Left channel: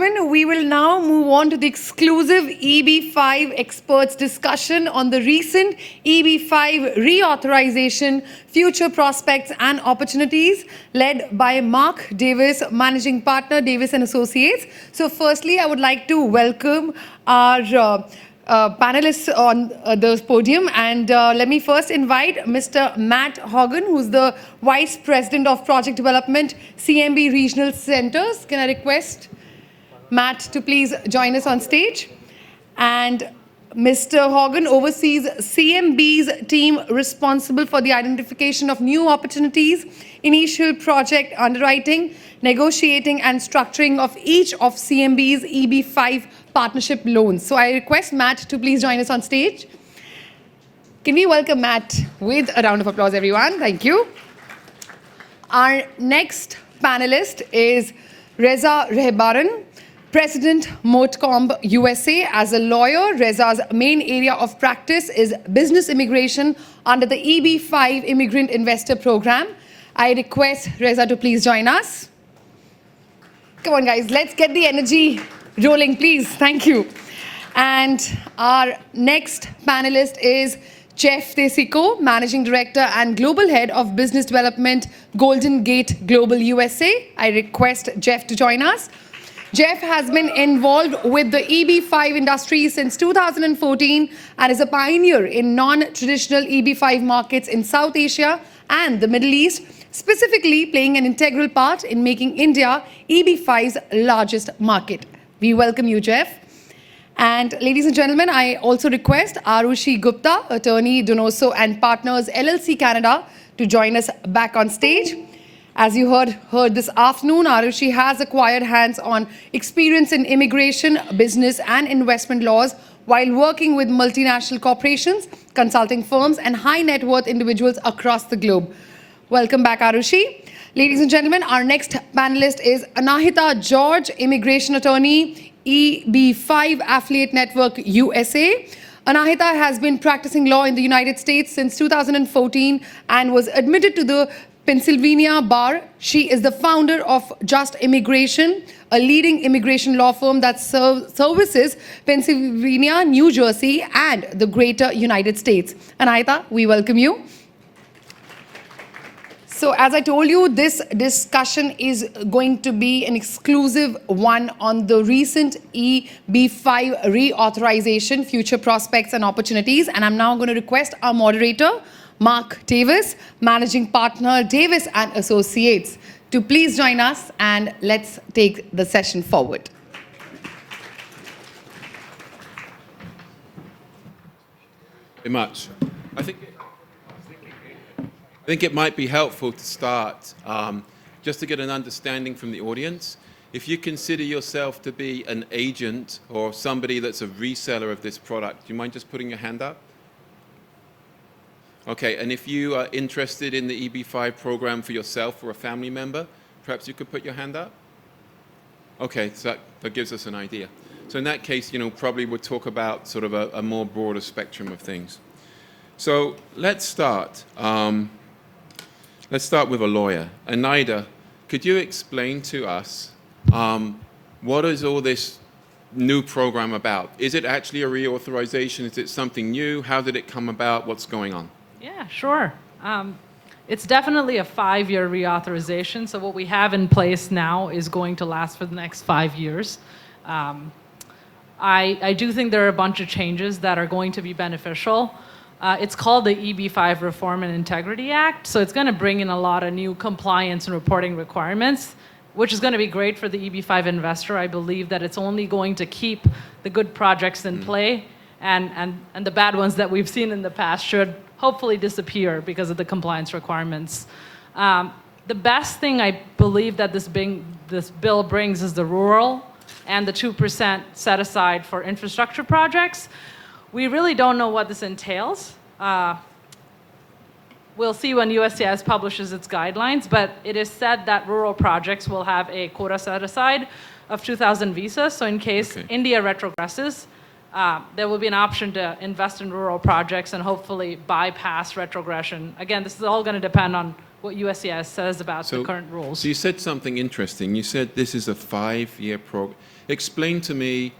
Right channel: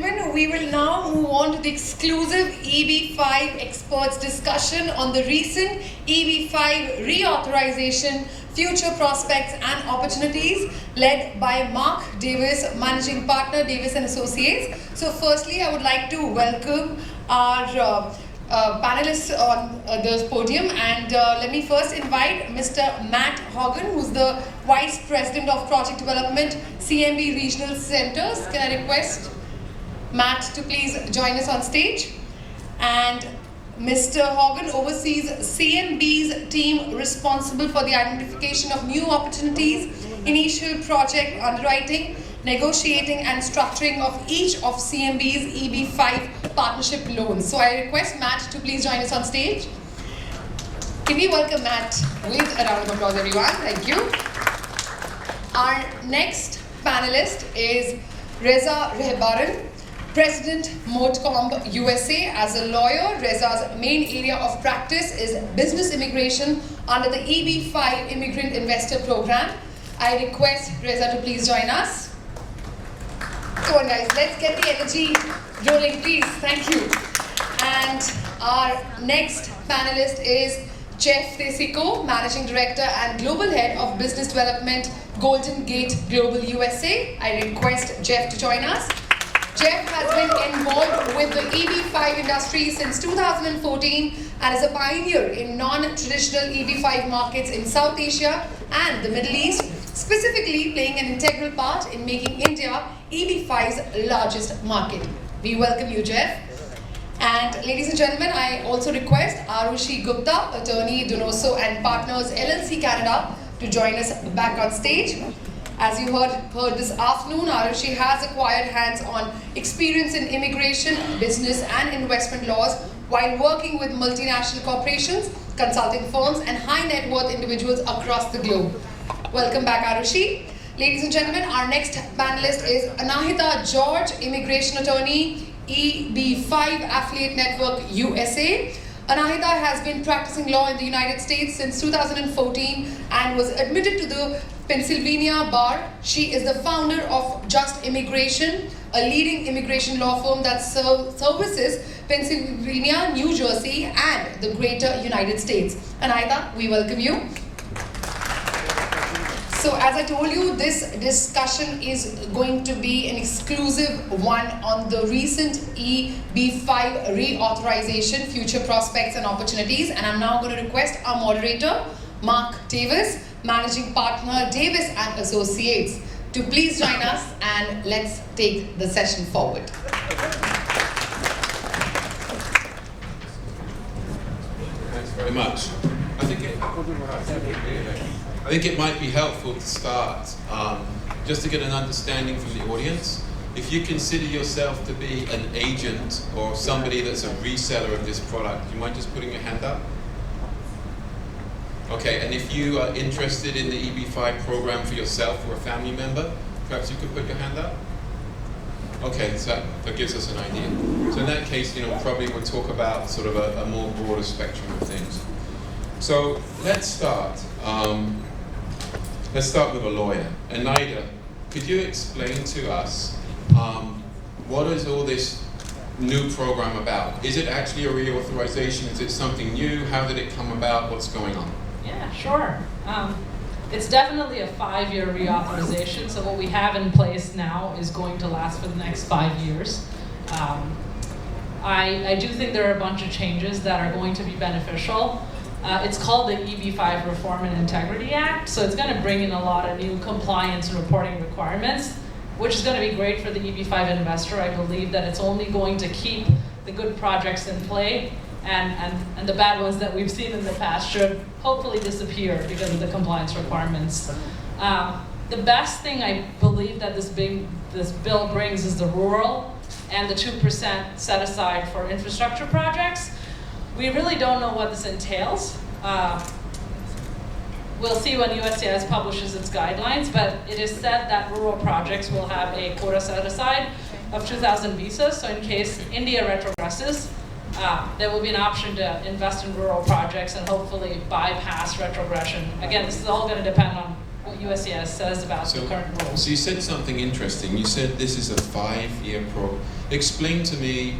gentlemen, we will now move on to the exclusive EB5 experts discussion on the recent EB5 reauthorization, future prospects and opportunities, led by Mark Davies, Managing Partner, Davies & Associates. So firstly, I would like to welcome our panelists on the podium, and let me first invite Mr. Matt Hogan, who's the Vice President of Project Development, CMB Regional Centers. Can I request Matt to please join us on stage? And Mr. Hogan oversees CMB's team responsible for the identification of new opportunities, initial project underwriting, negotiating and structuring of each of CMB's EB5 partnership loans. So I request Matt to please join us on stage. Can we welcome Matt with a round of applause, everyone? Thank you. Our next panelist is Reza Rahbaran, President, Motcomb, USA. As a lawyer, Reza's main area of practice is business immigration under the EB5 Immigrant Investor Program. I request Reza to please join us. Come on, guys, let's get the energy rolling, please. Thank you. And our next panelist is Jeff DeCicco, Managing Director and Global Head of Business Development, Golden Gate Global USA. I request Jeff to join us. Jeff has been involved with the EB5 industry since 2014 and is a pioneer in non-traditional EB5 markets in South Asia and the Middle East, specifically playing an integral part in making India EB5's largest market. We welcome you, Jeff. And ladies and gentlemen, I also request Aarushi Gupta, attorney, Donoso and Partners LLC Canada, to join us back on stage. As you heard this afternoon, Aarushi has acquired hands-on experience in immigration, business and investment laws while working with multinational corporations, consulting firms and high net worth individuals across the globe. Welcome back, Aarushi. Ladies and gentlemen, our next panelist is Anahita George, immigration attorney, EB5 Affiliate Network USA. Anahita has been practicing law in the United States since 2014 and was admitted to the Pennsylvania Bar. She is the founder of Just Immigration, a leading immigration law firm that services Pennsylvania, New Jersey, and the greater United States. Anahita, we welcome you. So as I told you, this discussion is going to be an exclusive one on the recent EB5 reauthorization, future prospects and opportunities. And I'm now going to request our moderator, Mark Davies, Managing Partner, Davies & Associates, to please join us and let's take the session forward. Thanks very much. I think it might be helpful to start just to get an understanding from the audience. If you consider yourself to be an agent or somebody that's a reseller of this product, do you mind just putting your hand up? Okay, and if you are interested in the EB5 program for yourself or a family member, perhaps you could put your hand up? Okay, so that gives us an idea. So in that case, probably we'll talk about sort of a more broader spectrum of things. So let's start. Let's start with a lawyer. Anahita, could you explain to us what is all this new program about? Is it actually a reauthorization? Is it something new? How did it come about? What's going on? Yeah, sure. It's definitely a 5-year reauthorization. So what we have in place now is going to last for the next 5 years. I do think there are a bunch of changes that are going to be beneficial. It's called the EB5 Reform and Integrity Act, so it's going to bring in a lot of new compliance and reporting requirements, which is going to be great for the EB5 investor. I believe that it's only going to keep the good projects in play, and the bad ones that we've seen in the past should hopefully disappear because of the compliance requirements. The best thing I believe that this bill brings is the rural and the 2% set aside for infrastructure projects. We really don't know what this entails. We'll see when USCIS publishes its guidelines, but it is said that rural projects will have a quota set aside of 2,000 visas. So in case India retrogresses, there will be an option to invest in rural projects and hopefully bypass retrogression. Again, this is all going to depend on what USCIS says about the current rules. So you said something interesting. You said this is a 5-year program. Explain to me,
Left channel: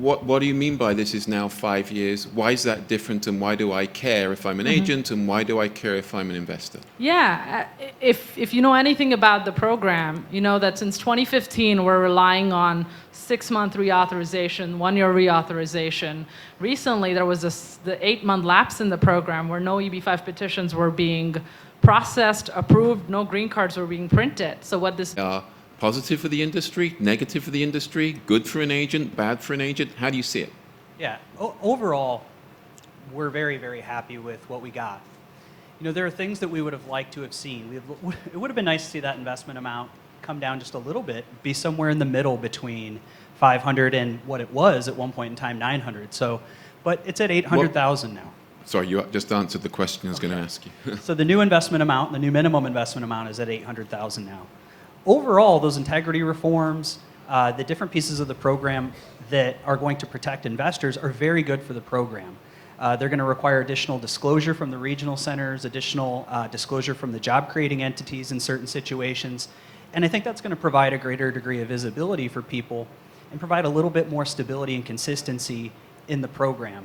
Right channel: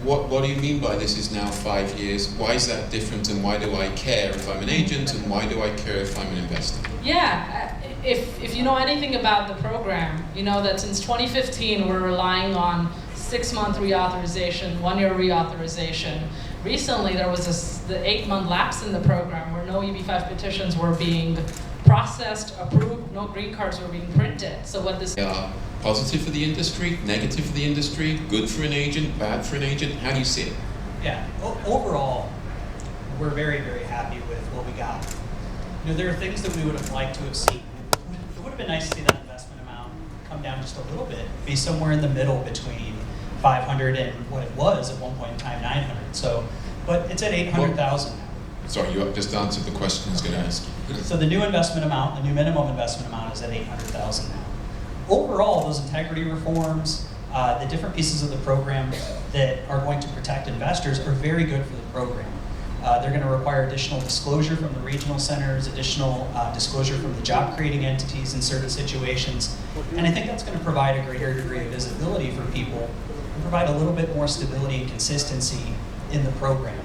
what do you mean by this is now 5 years? Why is that different, and why do I care if I'm an agent, and why do I care if I'm an investor? Yeah, if you know anything about the program, you know that since 2015 we're relying on 6-month reauthorization, 1-year reauthorization. Recently there was the 8-month lapse in the program where no EB5 petitions were being processed, approved, no green cards were being printed. So what this positive for the industry, negative for the industry, good for an agent, bad for an agent? How do you see it? Yeah, overall, we're very, very happy with what we got. You know, there are things that we would have liked to have seen. It would have been nice to see that investment amount come down just a little bit, be somewhere in the middle between 500 and what it was at one point in time, 900. So, but it's at 800,000 now. Sorry, you just answered the question I was going to ask you. So the new investment amount, the new minimum investment amount is at 800,000 now. Overall, those integrity reforms, the different pieces of the program that are going to protect investors are very good for the program. They're going to require additional disclosure from the regional centers, additional disclosure from the job-creating entities in certain situations, and I think that's going to provide a greater degree of visibility for people and provide a little bit more stability and consistency in the program.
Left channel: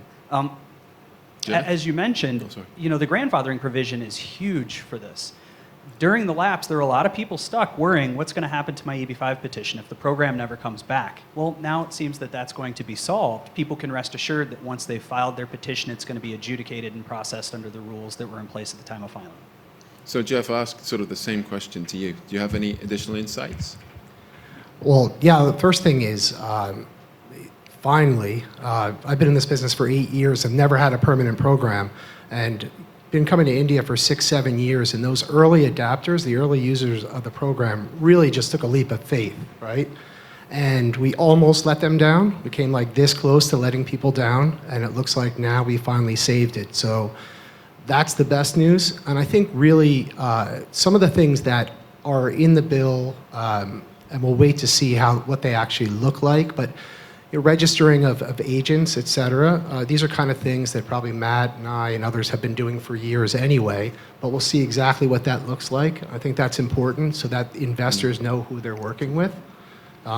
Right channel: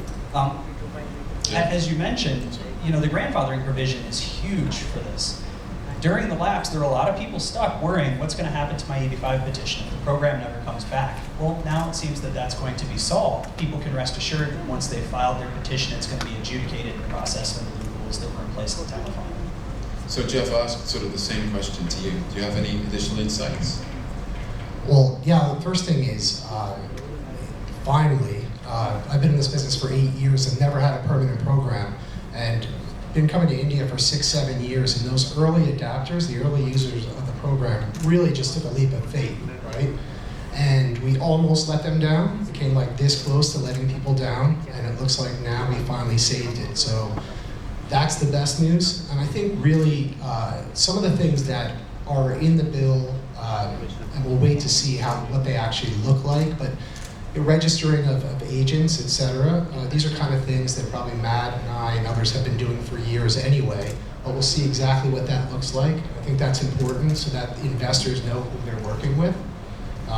As you mentioned, you know, the grandfathering provision is huge for this. During the lapse, there are a lot of people stuck worrying what's going to happen to my EB5 petition if the program never comes back. Well, now it seems that that's going to be solved. People can rest assured that once they've filed their petition, it's going to be adjudicated and processed under the rules that were in place at the time of filing. So Jeff asked sort of the same question to you. Do you have any additional insights? Well, yeah, the first thing is, finally, I've been in this business for 8 years. I've never had a permanent program, and been coming to India for 6-7 years, and those early adapters, the early users of the program, really just took a leap of faith, right? And we almost let them down. We came like this close to letting people down, and it looks like now we finally saved it. So that's the best news. And I think really some of the things that are in the bill, and we'll wait to see what they actually look like, but registering of agents, et cetera. These are kind of things that probably Matt and I and others have been doing for years anyway, but we'll see exactly what that looks like. I think that's important so that investors know who they're working with.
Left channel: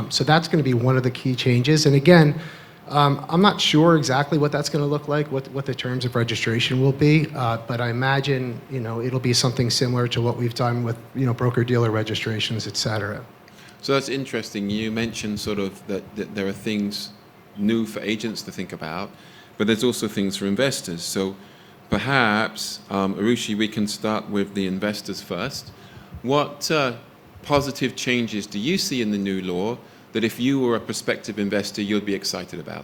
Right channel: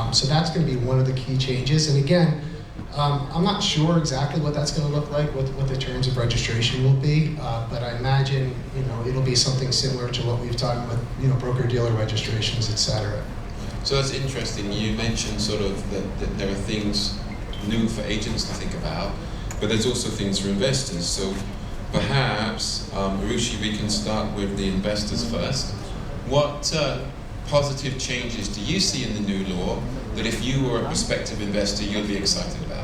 So that's going to be one of the key changes. And again, I'm not sure exactly what that's going to look like, what the terms of registration will be, but I imagine it'll be something similar to what we've done with broker-dealer registrations, et cetera. So that's interesting. You mentioned sort of that there are things new for agents to think about, but there's also things for investors. So perhaps, Aarushi, we can start with the investors first. What positive changes do you see in the new law that if you were a prospective investor, you'd be excited about?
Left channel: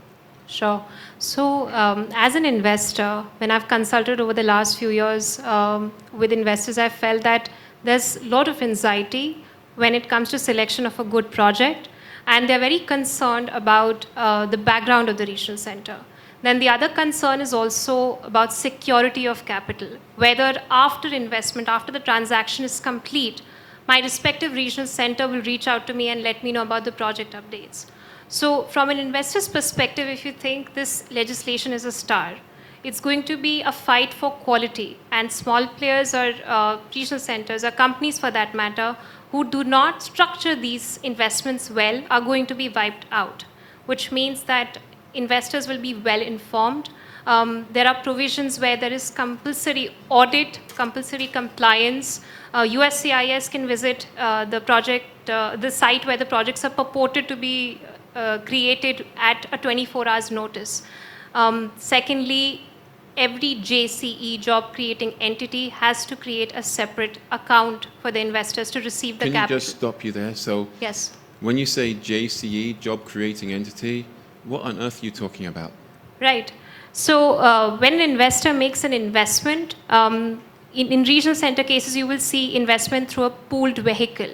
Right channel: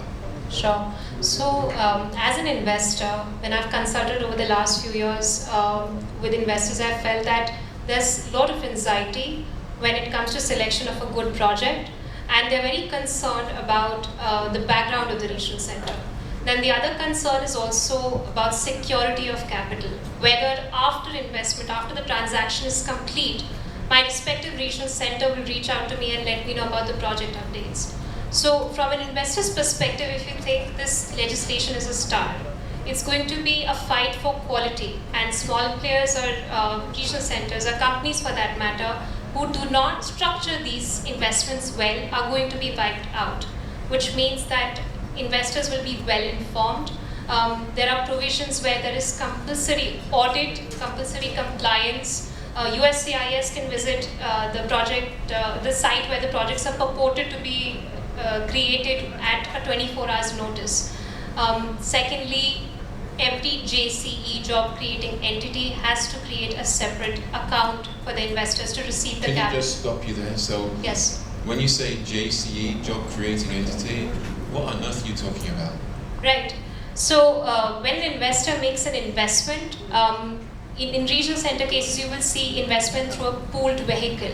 Sure. So as an investor, when I've consulted over the last few years with investors, I've felt that there's a lot of anxiety when it comes to selection of a good project, and they're very concerned about the background of the regional center. Then the other concern is also about security of capital, whether after investment, after the transaction is complete, my respective regional center will reach out to me and let me know about the project updates. So from an investor's perspective, if you think this legislation is a start, it's going to be a fight for quality, and small players or regional centers or companies for that matter who do not structure these investments well are going to be wiped out, which means that investors will be well informed. There are provisions where there is compulsory audit, compulsory compliance. USCIS can visit the site where the projects are purported to be created at a 24 hours notice. Secondly, every JCE, job creating entity, has to create a separate account for the investors to receive the capital. Can you just stop you there? So yes. When you say JCE, job creating entity, what on earth are you talking about? Right. So when an investor makes an investment, in regional center cases, you will see investment through a pooled vehicle.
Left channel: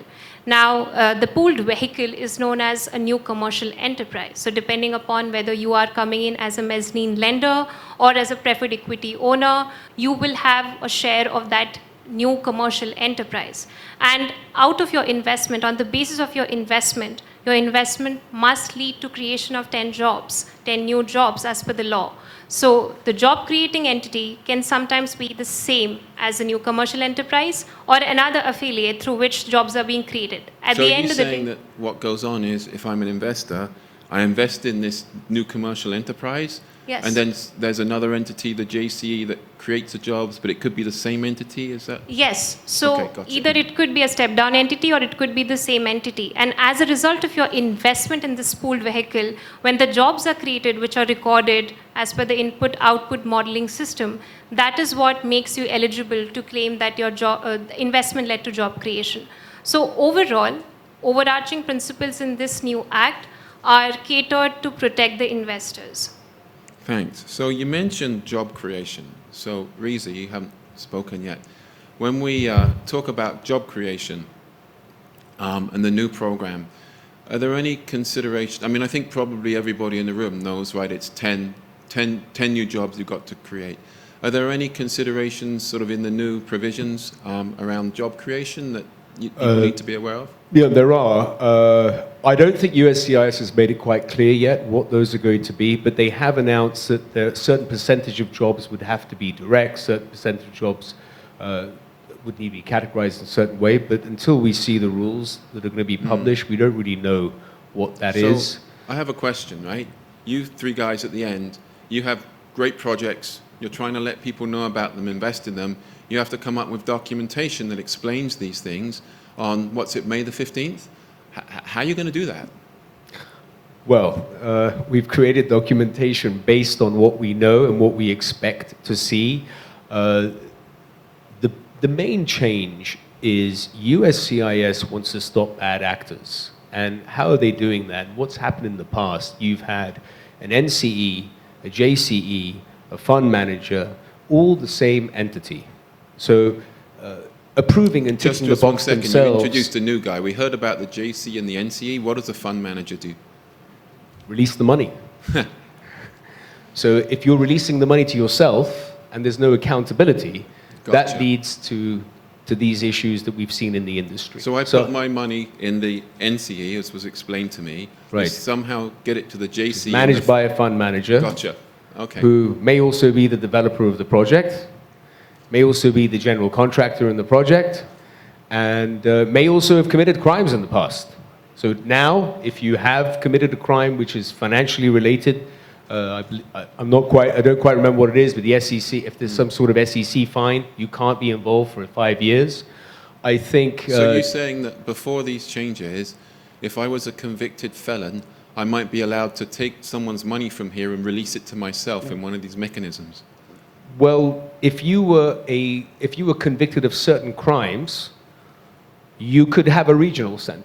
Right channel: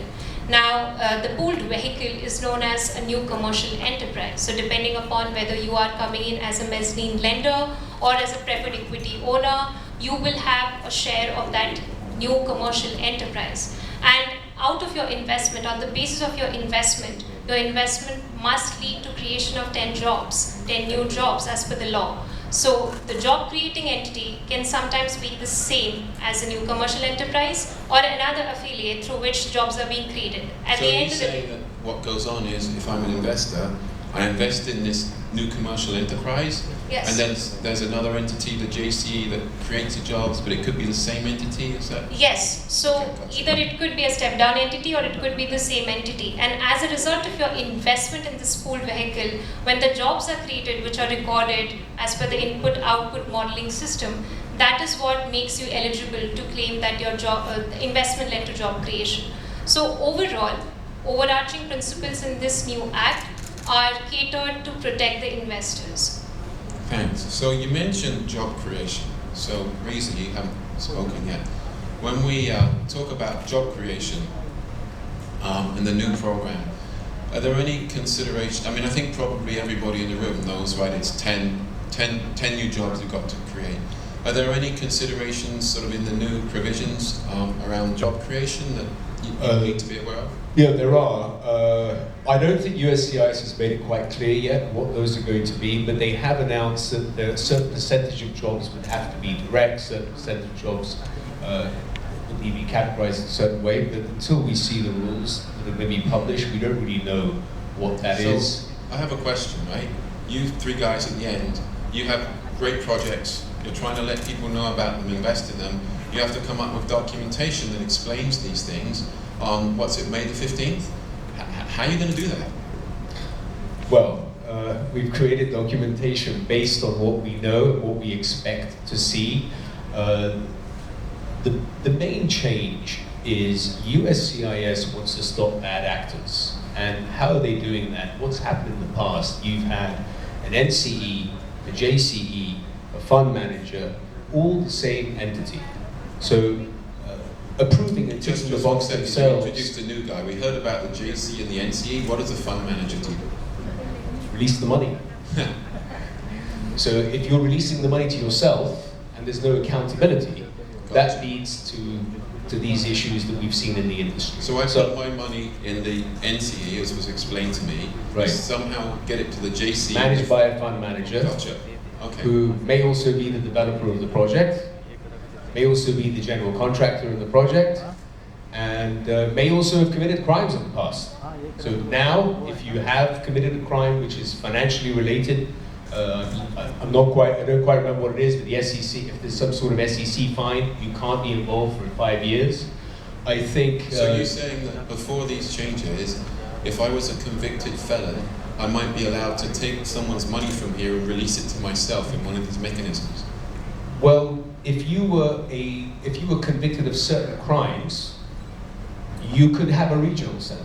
Now, the pooled vehicle is known as a new commercial enterprise. So depending upon whether you are coming in as a mezzanine lender or as a preferred equity owner, you will have a share of that new commercial enterprise. And out of your investment, on the basis of your investment must lead to creation of 10 jobs, 10 new jobs as per the law. So the job creating entity can sometimes be the same as a new commercial enterprise or another affiliate through which jobs are being created. At So the end of the you're saying that what goes on is, if I'm an investor, I invest in this new commercial enterprise, Yes. and then there's another entity, the JCE, that creates the jobs, but it could be the same entity, is that? Yes, so Okay, gotcha. either it could be a step down entity or it could be the same entity. And as a result of your investment in this pooled vehicle, when the jobs are created, which are recorded as per the input output modeling system, that is what makes you eligible to claim that your job investment led to job creation. So overall, overarching principles in this new act are catered to protect the investors. Thanks. So you mentioned job creation. So Reza, you haven't spoken yet. When we talk about job creation and the new program, are there any consideration? I mean, I think probably everybody in the room knows, right? It's 10 new jobs you've got to create. Are there any considerations sort of in the new provisions around job creation that you need to be aware of? Yeah, there are. I don't think USCIS has made it quite clear yet what those are going to be, but they have announced that a certain percentage of jobs would have to be direct, certain percentage of jobs would need to be categorized in a certain way, but until we see the rules that are going to be published, we don't really know what that is. I have a question, right? You three guys at the end, you have great projects, you're trying to let people know about them, invest in them, you have to come up with documentation that explains these things on, what's it, May the 15th? How are you going to do that? Well, we've created documentation based on what we know and what we expect to see. The main change is USCIS wants to stop bad actors. And how are they doing that? What's happened in the past? You've had an NCE, a JCE, a fund manager, all the same entity. So approving and ticking the box themselves. You introduced a new guy. We heard about the JC and the NCE. What does the fund manager do? Release the money. So if you're releasing the money to yourself and there's no accountability, that Gotcha. leads to these issues that we've seen in the industry. So I put my money in the NCE, as was explained to me, Right. somehow get it to the JC. Managed by a fund manager. Gotcha. Okay. Who may also be the developer of the project, may also be the general contractor in the project, and may also have committed crimes in the past. So now, if you have committed a crime which is financially related, I don't quite remember what it is, but the SEC, if there's some sort of SEC fine, you can't be involved for 5 years. I think... So you're saying that before these changes, if I was a convicted felon, I might be allowed to take someone's money from here and release it to myself in one of these mechanisms? Well, if you were convicted of certain crimes, you could have a regional center.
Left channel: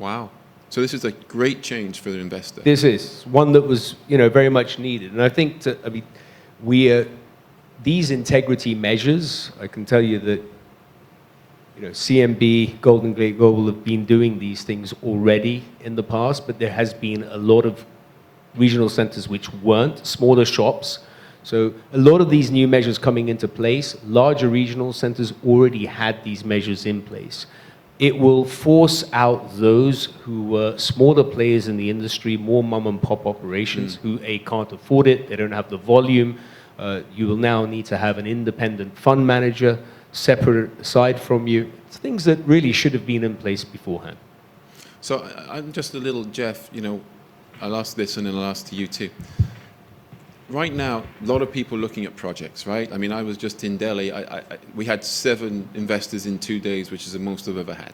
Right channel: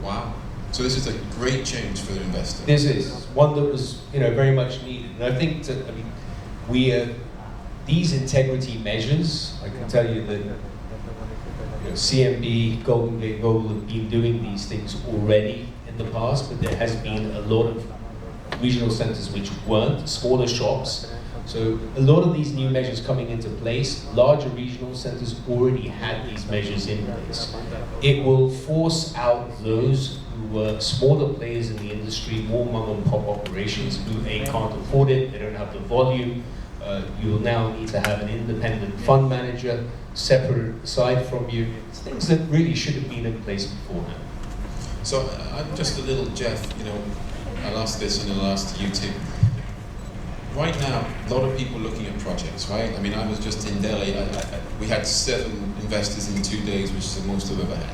Wow. So this is a great change for the investor. This is one that was, very much needed, and I think these integrity measures. I can tell you that CMB, Golden Gate Global have been doing these things already in the past, but there has been a lot of regional centers which weren't, smaller shops. So a lot of these new measures coming into place, larger regional centers already had these measures in place. It will force out those who were smaller players in the industry, more mom and pop operations who can't afford it, they don't have the volume. You will now need to have an independent fund manager separate aside from you. It's things that really should have been in place beforehand. So I'm just a little, Jeff, I'll ask this and then I'll ask you too. Right now, a lot of people looking at projects, right? I mean, I was just in Delhi. We had 7 investors in 2 days, which is the most I've ever had.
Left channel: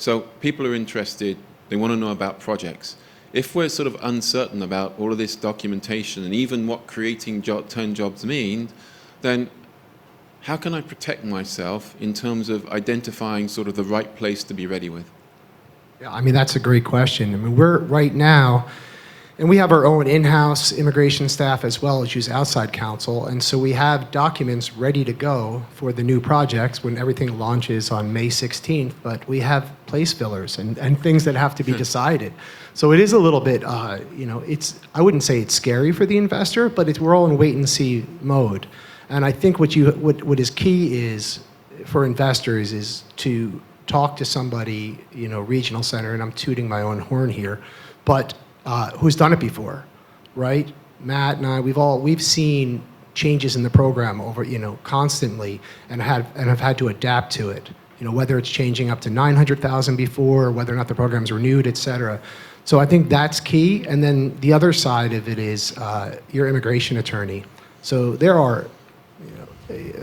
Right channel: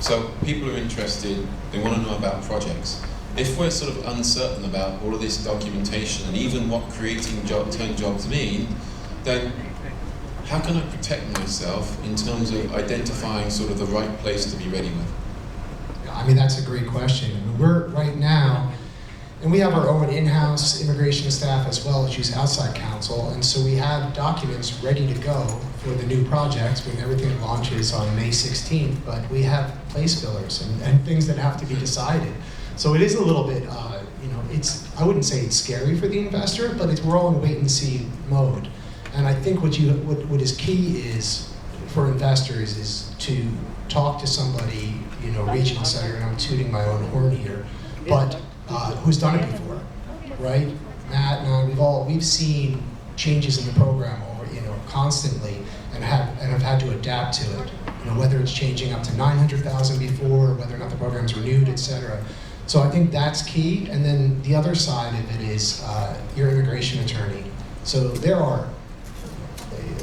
So people are interested. They want to know about projects. If we're sort of uncertain about all of this documentation and even what creating 10 jobs mean, then how can I protect myself in terms of identifying sort of the right place to be ready with? I mean, that's a great question. I mean, we're right now, and we have our own in-house immigration staff as well as use outside counsel, and so we have documents ready to go for the new projects when everything launches on May 16th, but we have place fillers and things that have to be decided. So it is a little bit, I wouldn't say it's scary for the investor, but we're all in wait-and-see mode. And I think what is key is, for investors, is to talk to somebody, regional center, and I'm tooting my own horn here, but who's done it before, right? Matt and I, we've seen changes in the program over, constantly, and have had to adapt to it. Whether it's changing up to 900,000 before, whether or not the program's renewed, et cetera. So I think that's key. And then the other side of it is your immigration attorney. So there are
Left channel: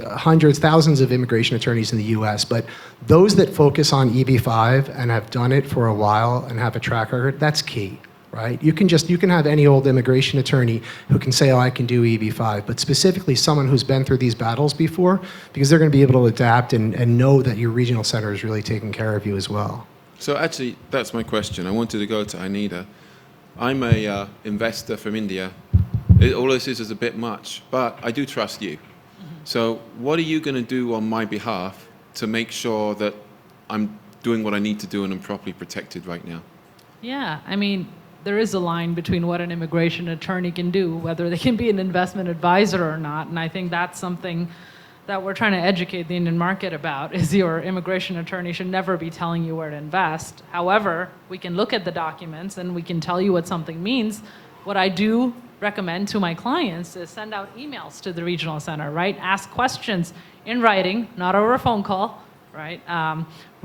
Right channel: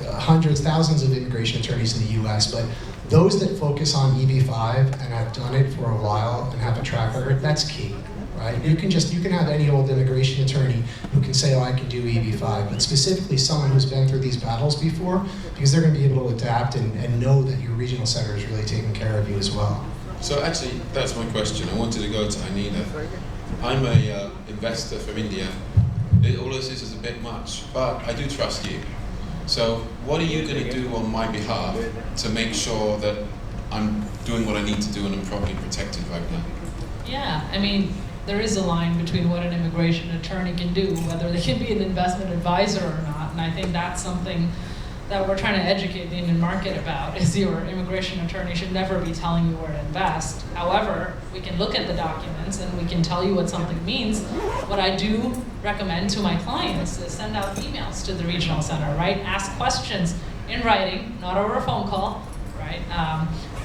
hundreds, thousands of immigration attorneys in the US, but those that focus on EB5 and have done it for a while and have a track record, that's key, right? You can have any old immigration attorney who can say, oh, I can do EB5, but specifically someone who's been through these battles before, because they're going to be able to adapt and know that your regional center is really taking care of you as well. So actually, that's my question. I wanted to go to Anita. I'm a investor from India. All this is a bit much, but I do trust you. So what are you going to do on my behalf to make sure that I'm doing what I need to do and I'm properly protected right now? Yeah, I mean, there is a line between what an immigration attorney can do, whether they can be an investment advisor or not, and I think that's something that we're trying to educate the Indian market about, is your immigration attorney should never be telling you where to invest. However, we can look at the documents and we can tell you what something means. What I do recommend to my clients is send out emails to the regional center, right? Ask questions in writing, not over a phone call, right?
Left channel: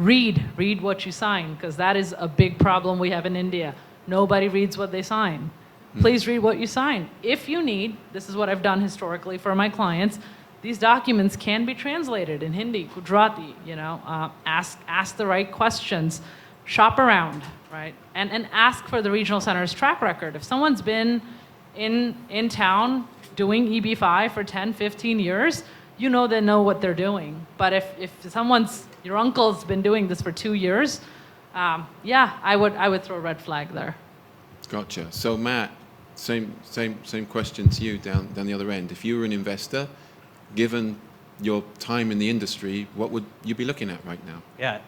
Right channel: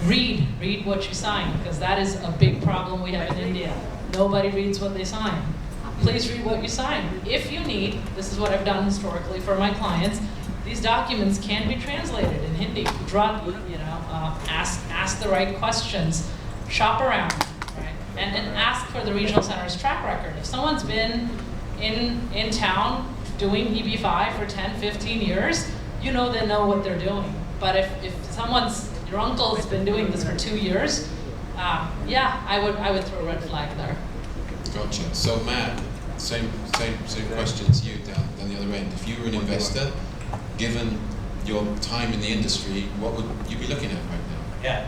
Read what you sign, because that is a big problem we have in India. Nobody reads what they sign. Please read what you sign. If you need, this is what I've done historically for my clients, these documents can be translated in Hindi, Gujarati, ask the right questions, shop around, right? And ask for the regional center's track record. If someone's been in town doing EB5 for 10, 15 years, they know what they're doing. But if your uncle's been doing this for 2 years, I would throw a red flag there. Gotcha. So Matt, same question to you down the other end. If you were an investor, given your time in the industry, what would you be looking at right now? Yeah,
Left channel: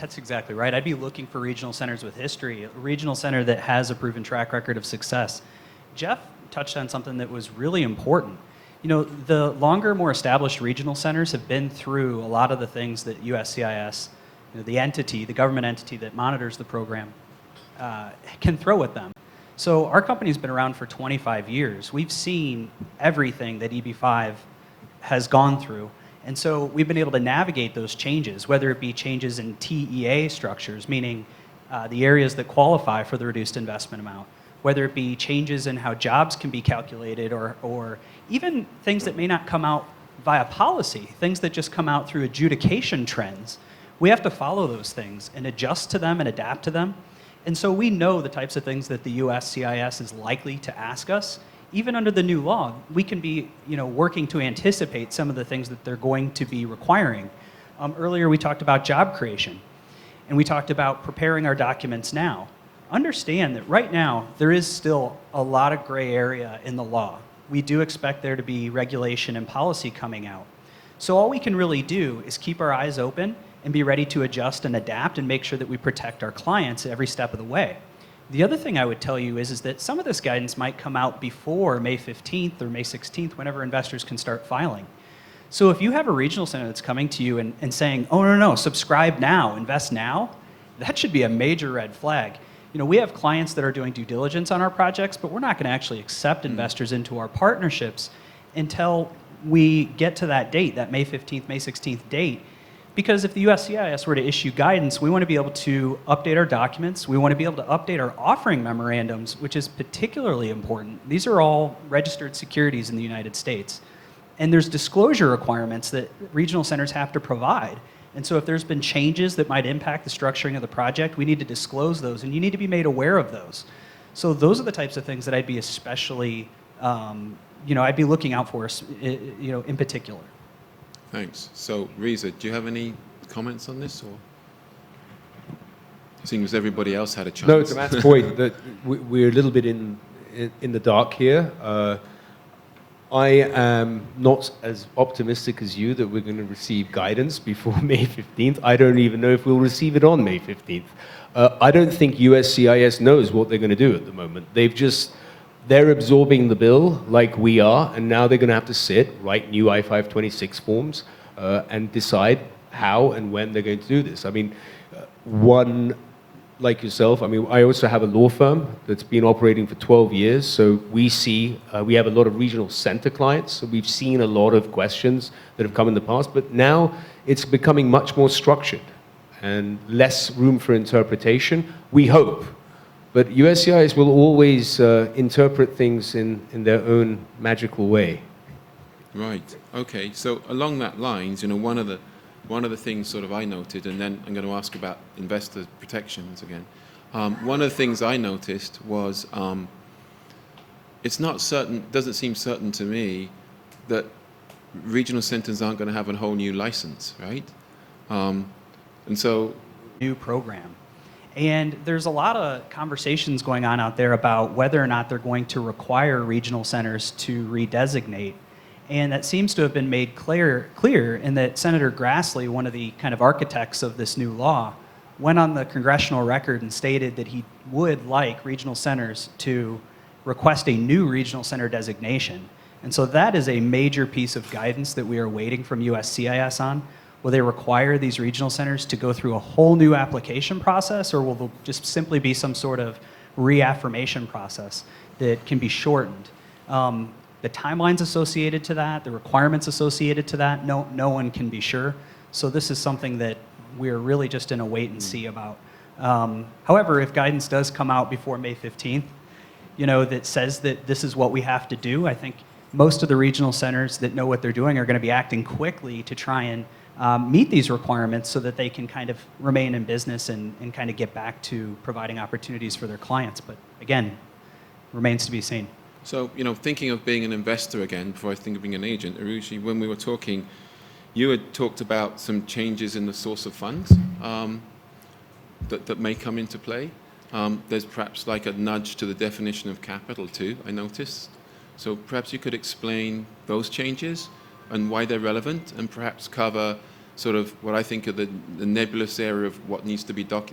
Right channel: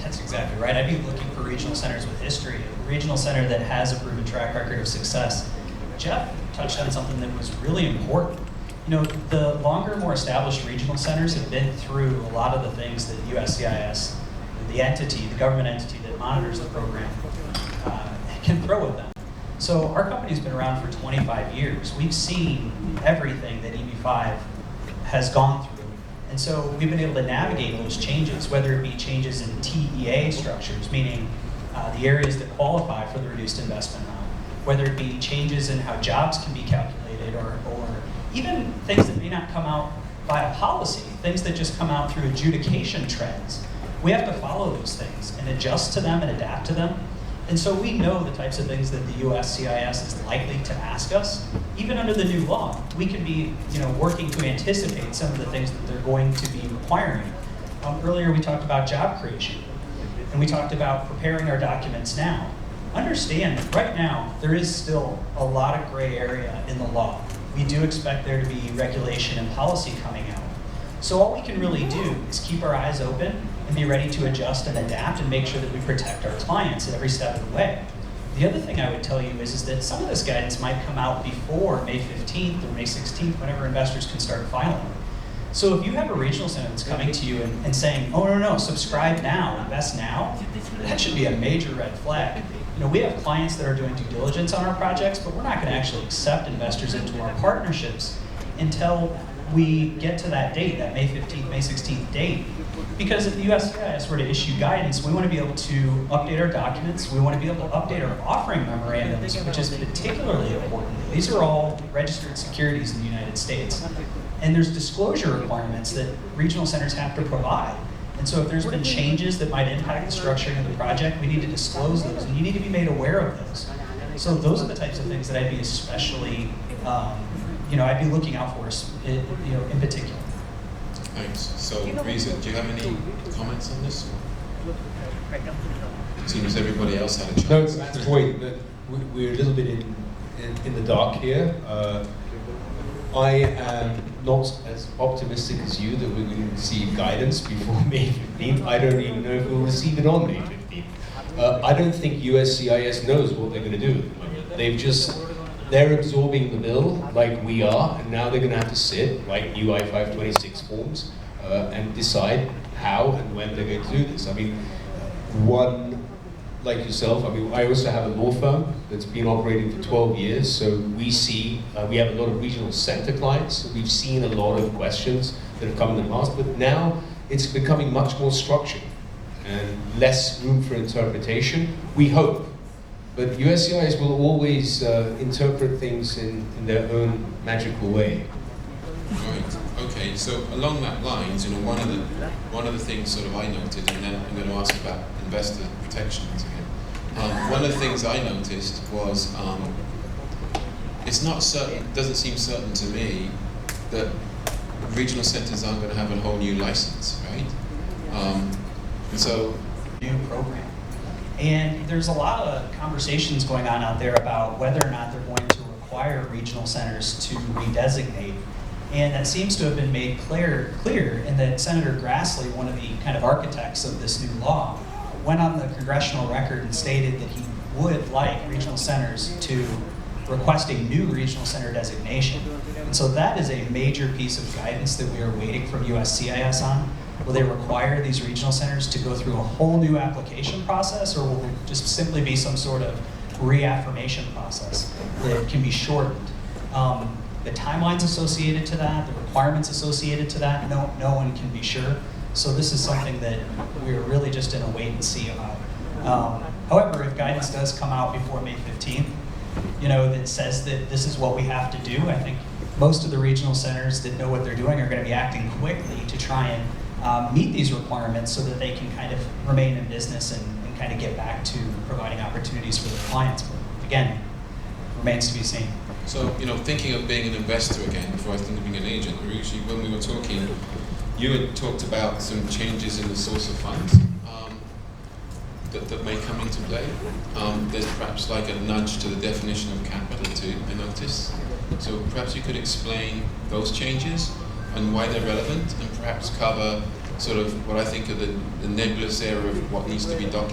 that's exactly right. I'd be looking for regional centers with history, a regional center that has a proven track record of success. Jeff touched on something that was really important. The longer, more established regional centers have been through a lot of the things that USCIS, the government entity that monitors the program, can throw at them. So our company's been around for 25 years. We've seen everything that EB5 has gone through. And so we've been able to navigate those changes, whether it be changes in TEA structures, meaning the areas that qualify for the reduced investment amount, whether it be changes in how jobs can be calculated, or even things that may not come out via policy, things that just come out through adjudication trends. We have to follow those things and adjust to them and adapt to them. And so we know the types of things that the USCIS is likely to ask us. Even under the new law, we can be working to anticipate some of the things that they're going to be requiring. Earlier we talked about job creation, and we talked about preparing our documents now. Understand that right now there is still a lot of gray area in the law. We do expect there to be regulation and policy coming out. So all we can really do is keep our eyes open and be ready to adjust and adapt and make sure that we protect our clients every step of the way. The other thing I would tell you is that some of this guidance might come out before May 15th or May 16th, whenever investors can start filing. So if you have a regional center that's coming to you and saying, oh, no, subscribe now, invest now, that should be a major red flag. We have clients that are doing due diligence on our projects, but we're not going to actually accept investors into our partnerships until we get to that date, that May 15th, May 16th date. Because if the USCIS were to issue guidance, we want to be able to update our documents. We want to be able to update our offering memorandums, which is particularly important. These are all registered securities in the United States. And there's disclosure requirements that regional centers have to provide. And so if there's been changes that might impact the structuring of the project, we need to disclose those, and you need to be made aware of those. So those are the types of things that I'd be especially, I'd be looking out for, in particular. Thanks. So, Reza, do you have any comments on this? It seems everybody else had a chance. No, to Matt's point, that we're a little bit in the dark here. I am not as optimistic as you that we're going to receive guidance before May 15th. I don't even know if we'll receive it on May 15th. I don't think USCIS knows what they're going to do at the moment. They're absorbing the bill like we are, and now they're going to have to sit, write new I-526 forms, and decide how and when they're going to do this. I mean, one like yourself, I mean, I also have a law firm that's been operating for 12 years, so we see, we have a lot of regional center clients, so we've seen a lot of questions that have come in the past, but now it's becoming much more structured and less room for interpretation, we hope. But USCIS will always interpret things in their own magical way. Right. Okay. So along that lines, one of the things sort of I noted, and then I'm going to ask about investor protections again. One of the things I noticed was it's not certain. Doesn't seem certain to me that regional centers aren't going to have a whole new license, right? And so, new program. And there's a lot of conversations going on out there about whether or not they're going to require regional centers to redesignate. And that seems to have been made clear in that Senator Grassley, one of the kind of architects of this new law, went on the congressional record and stated that he would like regional centers to request a new regional center designation. And so that is a major piece of guidance that we are waiting from USCIS on. Will they require these regional centers to go through a whole new application process, or will it just simply be some sort of reaffirmation process that can be shortened? The timelines associated to that, the requirements associated to that, no one can be sure. So this is something that we are really just in a wait and see about. However, if guidance does come out before May 15th, that says that this is what we have to do, I think most of the regional centers that know what they're doing are going to be acting quickly to try and meet these requirements so that they can kind of remain in business and kind of get back to providing opportunities for their clients. But again, remains to be seen. So, thinking of being an investor again, before I think of being an agent, Aarushi, when we were talking, you had talked about some changes in the source of funds that may come into play. There's perhaps like a nudge to the definition of capital too, I noticed. So perhaps you could explain those changes and why they're relevant, and perhaps cover sort of what I think of the nebulous area of what needs to be the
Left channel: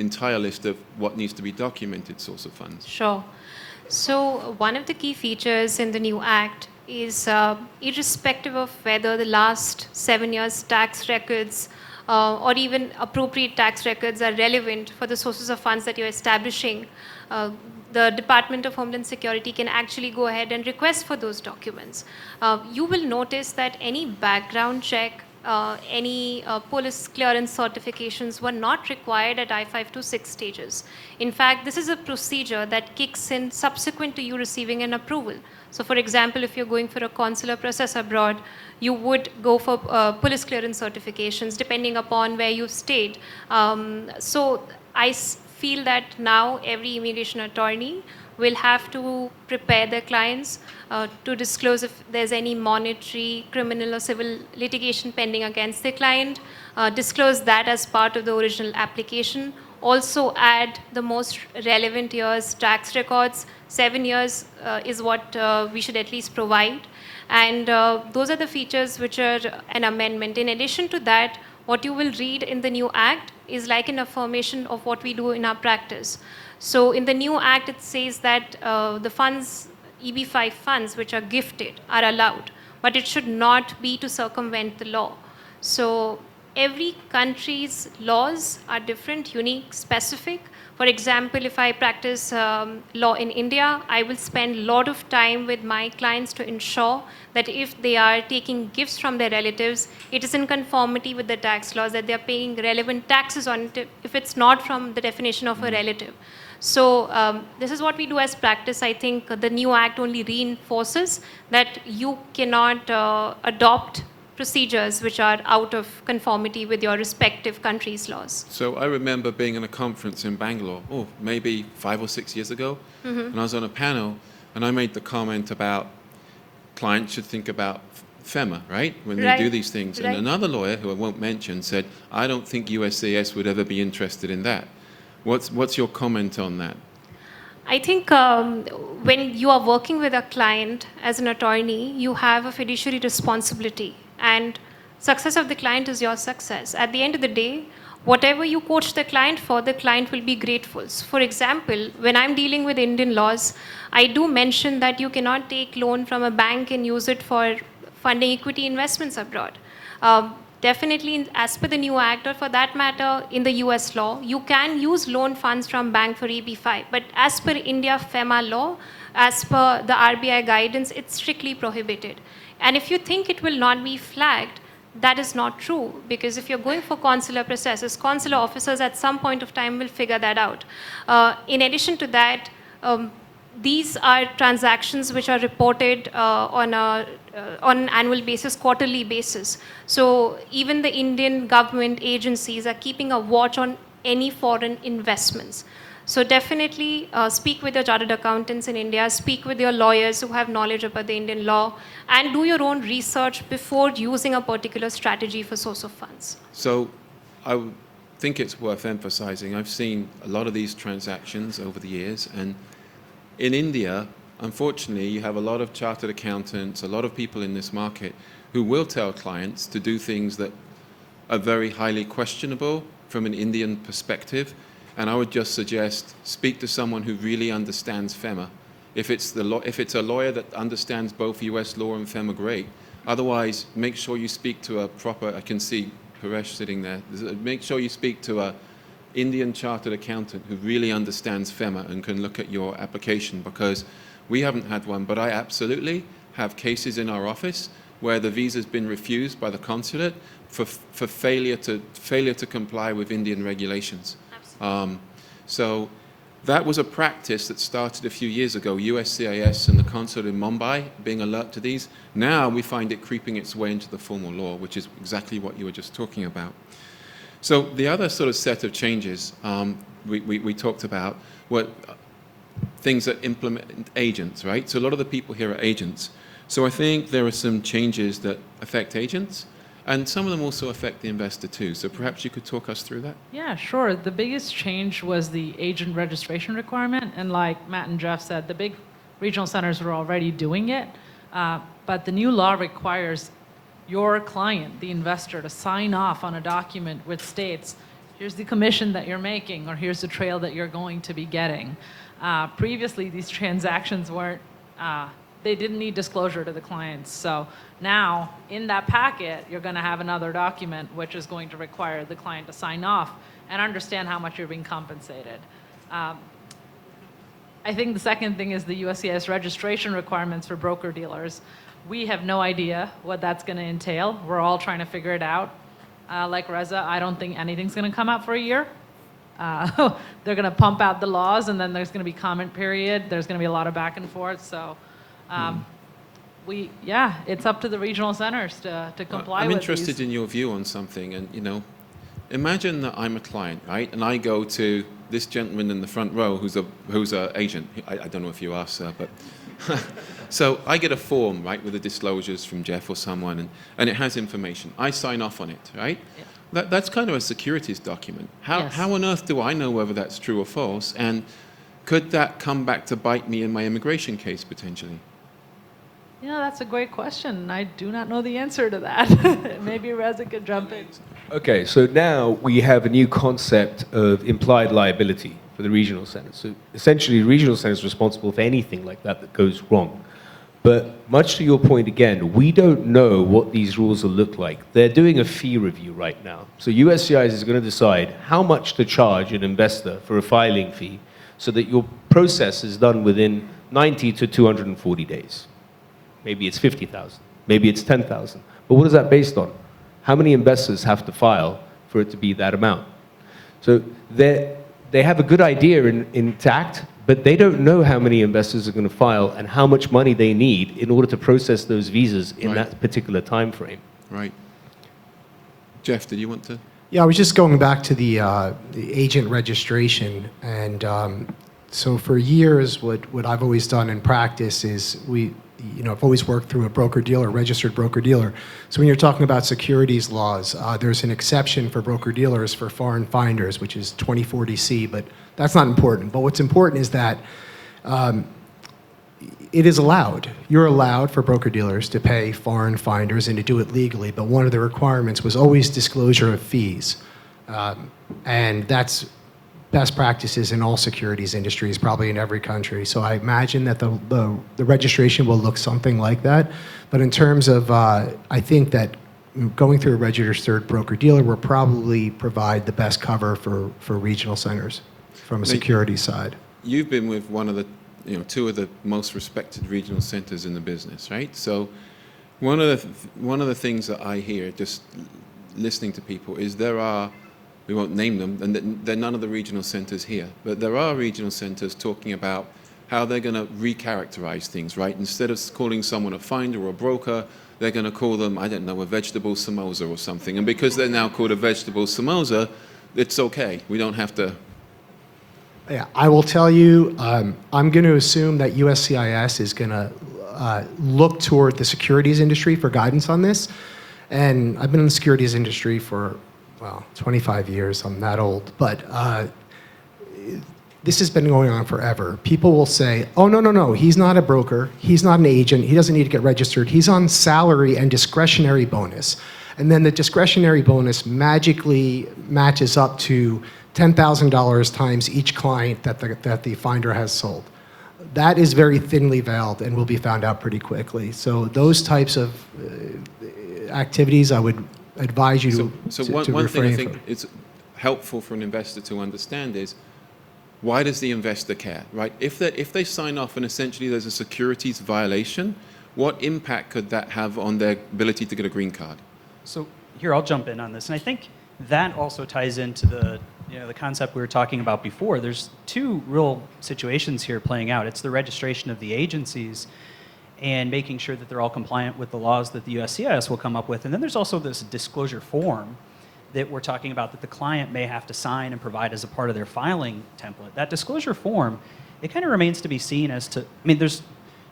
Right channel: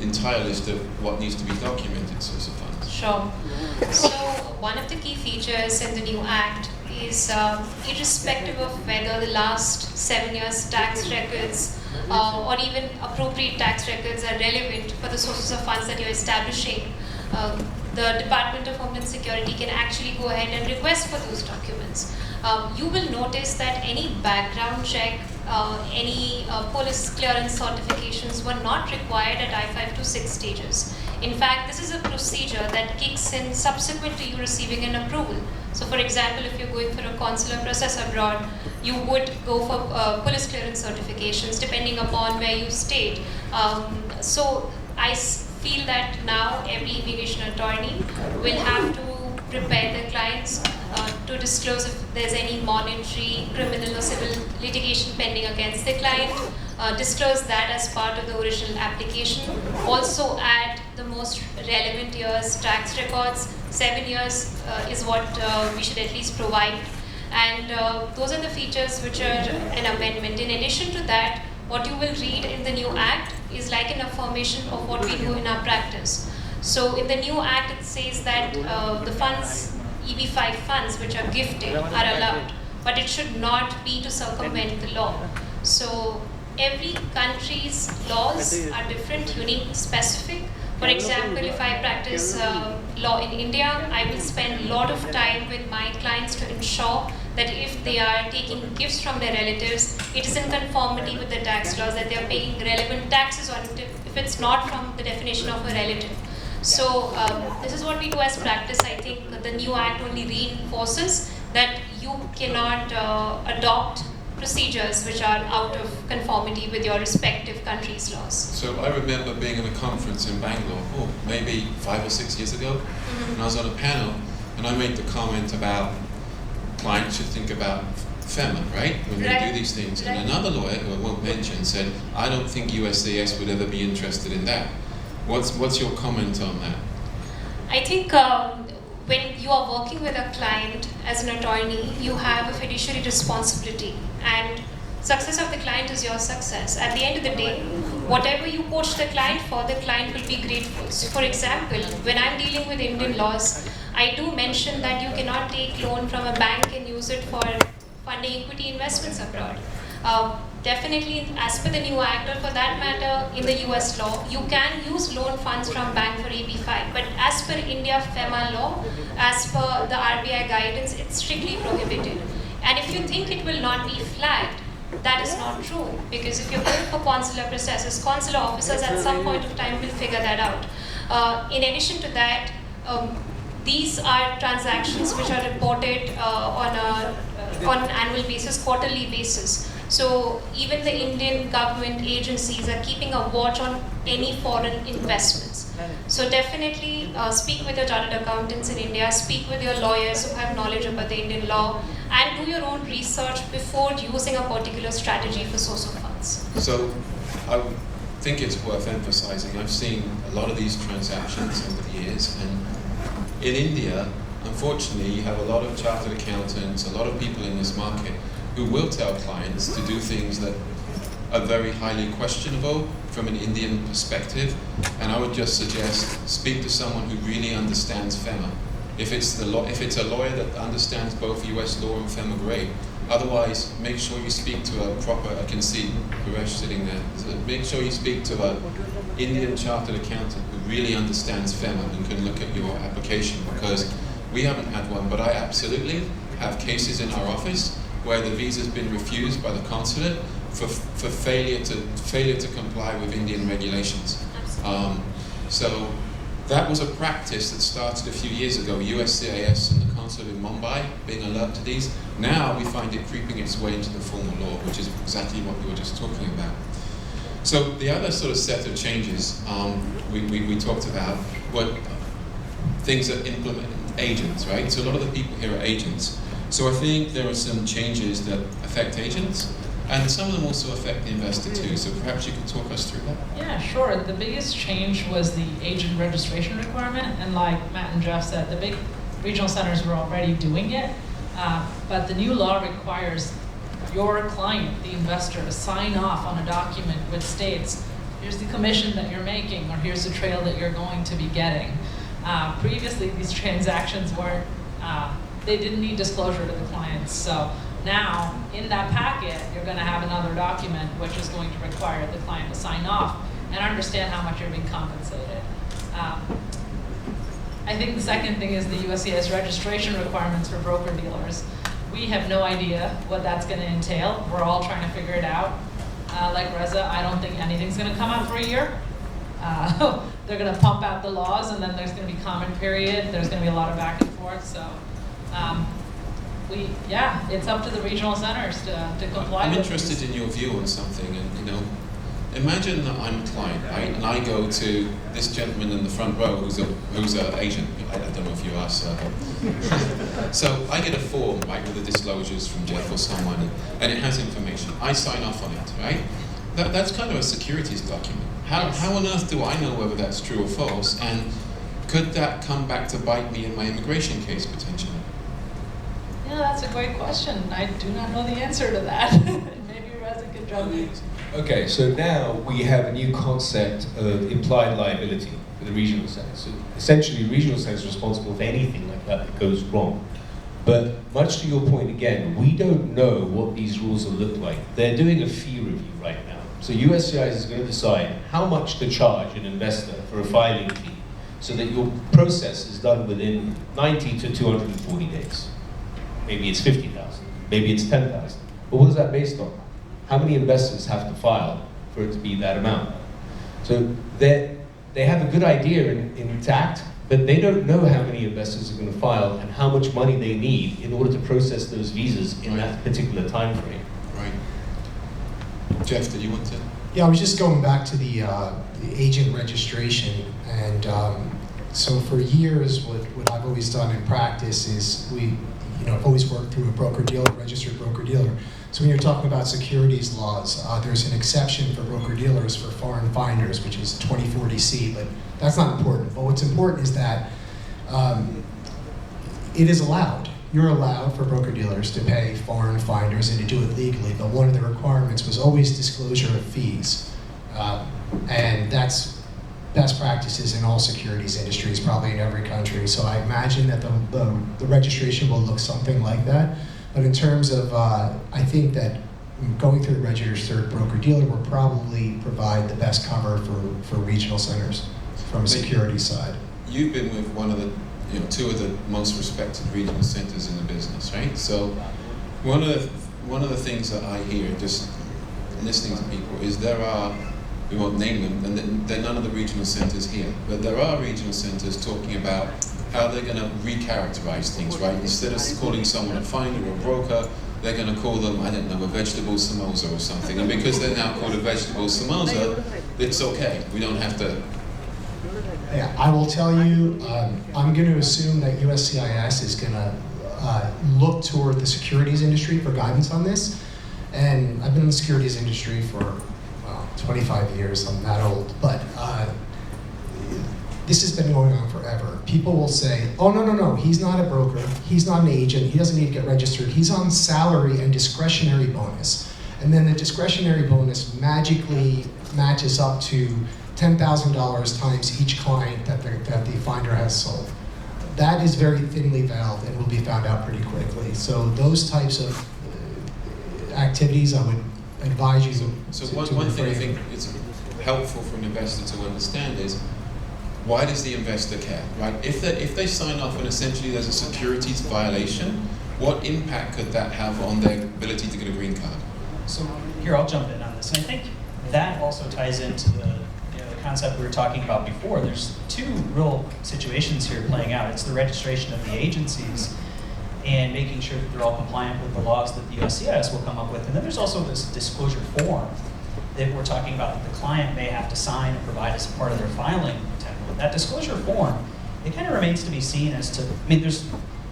entire list of what needs to be documented source of funds. Sure. So one of the key features in the new Act is irrespective of whether the last 7 years tax records or even appropriate tax records are relevant for the sources of funds that you're establishing, the Department of Homeland Security can actually go ahead and request for those documents. You will notice that any background check, any police clearance certifications were not required at I-5 to 6 stages. In fact, this is a procedure that kicks in subsequent to you receiving an approval. So for example, if you're going for a consular process abroad, you would go for police clearance certifications depending upon where you stayed. So I feel that now every immigration attorney will have to prepare their clients to disclose if there's any monetary, criminal or civil litigation pending against the client, disclose that as part of the original application, also add the most relevant years tax records. 7 years is what we should at least provide, and those are the features which are an amendment. In addition to that, what you will read in the new Act is like an affirmation of what we do in our practice. So in the new Act, it says that the funds, EB5 funds, which are gifted, are allowed, but it should not be to circumvent the law. So every country's laws are different, unique, specific. For example, if I practice law in India, I will spend a lot of time with my clients to ensure that if they are taking gifts from their relatives, it is in conformity with the tax laws, that they are paying relevant taxes on it if it's not from the definition of a relative. So this is what we do as practice. I think the new Act only reinforces that you cannot adopt procedures which are out of conformity with your respective country's laws. So I remember being in a conference in Bangalore, maybe 5 or 6 years ago, and I was on a panel, and I made the comment about clients should think about FEMA, right? When they do these things. And another lawyer, who I won't mention, said, I don't think USCIS would ever be interested in that. What's your comment on that? I think when you are working with a client as an attorney, you have a fiduciary responsibility, and success of the client is your success. At the end of the day, whatever you coach the client for, the client will be grateful. So for example, when I'm dealing with Indian laws, I do mention that you cannot take loan from a bank and use it for funding equity investments abroad. definitely, as per the new act, or for that matter, in the US law, you can use loan funds from bank for EB5. But as per India FEMA law, as per the RBI guidance, it's strictly prohibited. And if you think it will not be flagged, that is not true, because if you're going for consular processes, consular officers at some point of time will figure that out. In addition to that, these are transactions which are reported on an annual basis, quarterly basis. So even the Indian government agencies are keeping a watch on any foreign investments. So definitely speak with your chartered accountants in India, speak with your lawyers who have knowledge about the Indian law, and do your own research before using a particular strategy for source of funds. So I think it's worth emphasizing, I've seen a lot of these transactions over the years, and in India, unfortunately, you have a lot of chartered accountants, a lot of people in this market who will tell clients to do things that are very highly questionable from an Indian perspective, and I would just suggest speak to someone who really understands FEMA. If it's a lawyer that understands both US law and FEMA, great. Otherwise, make sure you speak to a proper, I can see Paresh sitting there, make sure you speak to an Indian chartered accountant who really understands FEMA and can look at your application, because we haven't had one, but I absolutely have cases in our office where the visa's been refused by the consulate for failure to comply with Indian regulations. So that was a practice that started a few years ago, USCIS and the consulate in Mumbai being alert to these. Now we find it creeping its way into the formal law, which is exactly what you were just talking about. So the other sort of set of changes we talked about were things that implement agents, right? So a lot of the people here are agents. So I think there are some changes that affect agents, and some of them also affect the investor too. So perhaps you could talk us through that? Yeah, sure. The biggest change was the agent registration requirement, and like Matt and Jeff said, the big regional centers were already doing it, but the new law requires your client, the investor, to sign off on a document which states, here's the commission that you're making, or here's the trail that you're going to be getting. Previously, these transactions weren't, they didn't need disclosure to the clients. So now, in that packet, you're going to have another document which is going to require the client to sign off and understand how much you're being compensated. I think the second thing is the USCIS registration requirements for broker-dealers. We have no idea what that's going to entail. We're all trying to figure it out. Like Reza, I don't think anything's going to come out for a year. They're going to pump out the laws, and then there's going to be comment period. There's going to be a lot of back and forth. So, it's up to the regional centers to comply I'm with interested in your view on something. And imagine that I'm a client, right? And I go to this gentleman in the front row who's an agent. I don't know if you are, sir, but so I get a form, right, with the disclosures from Jeff or someone, and it has information. I sign off on it, right? That's kind of a securities document. How on earth do I know whether that's true or false? And could that come back to bite me in my immigration case potentially? Yeah, that's a great question. I do not know the answer to that. Maybe Reza could jump in. Okay, so now we have a new concept of implied liability for the regional centers. So essentially, the regional center is responsible for anything like that goes wrong. But much to your point again, we don't know what these rules will look like. They're doing a fee review right now. So USCIS is going to decide how much to charge an investor for a filing fee so that your process is done within 90 to 240 days. Maybe it's 50,000, maybe it's 10,000. But what is that based on? How many investors have to file for it to be that amount? So they have a good idea intact, but they don't know how many investors are going to file and how much money they need in order to process those visas in that particular time frame. Right. Jeff, did you want to? Yeah, I was just going back to the agent registration, and so for years, what I've always done in practice is I've always worked through a broker-dealer, registered broker-dealer. So when you're talking about securities laws, there's an exception for broker-dealers for foreign finders, which is 2040C, but that's not important. But what's important is that it is allowed. You're allowed for broker-dealers to pay foreign finders and to do it legally, but one of the requirements was always disclosure of fees. And that's best practices in all securities industries, probably in every country. So I imagine that the registration will look something like that. But in terms of, I think that going through a registered broker-dealer will probably provide the best cover for regional centers from a security side. You've been with one of the, two of the most respected regional centers in the business, right? So one of the things that I hear just listening to people is there are, we won't name them, and they're none of the regional centers here, but there are regional centers talking about how they're going to recharacterize things, right? Instead of calling someone a finder or a broker, they're going to call them, I don't know, a vegetable samosa or something. And because they're now called a vegetable samosa, it's okay. We don't have to. Yeah, I will tell you, I'm going to assume that USCIS is going to look toward the securities industry for guidance on this. And I've been in the securities industry for, 25 years. I'm that old. But this has been going on forever. People will say, oh, no, he's not a broker. He's not an agent. He doesn't need to get registered. He's on salary and discretionary bonus. And then the discretionary bonus magically matches up to $10,000 times each client that the finder has sold. That is very thinly veiled and will be found out pretty quickly. So those types of activities, I would advise you So to one thing I think from. is helpful for an investor to understand is, why does the investor care, right? If they sign off and essentially there's a securities violation, what impact could that have on their ability to get a green card? So here, I'll jump in on this. And I think that also ties into the concept we were talking about before. There's two real situations here playing out. It's the registration of the agencies and making sure that they're all compliant with the laws that the USCIS will come up with. And then there's also this disclosure form that we're talking about that the client may have to sign and provide as a part of their filing template. That disclosure form, it kind of remains to be seen as to, there's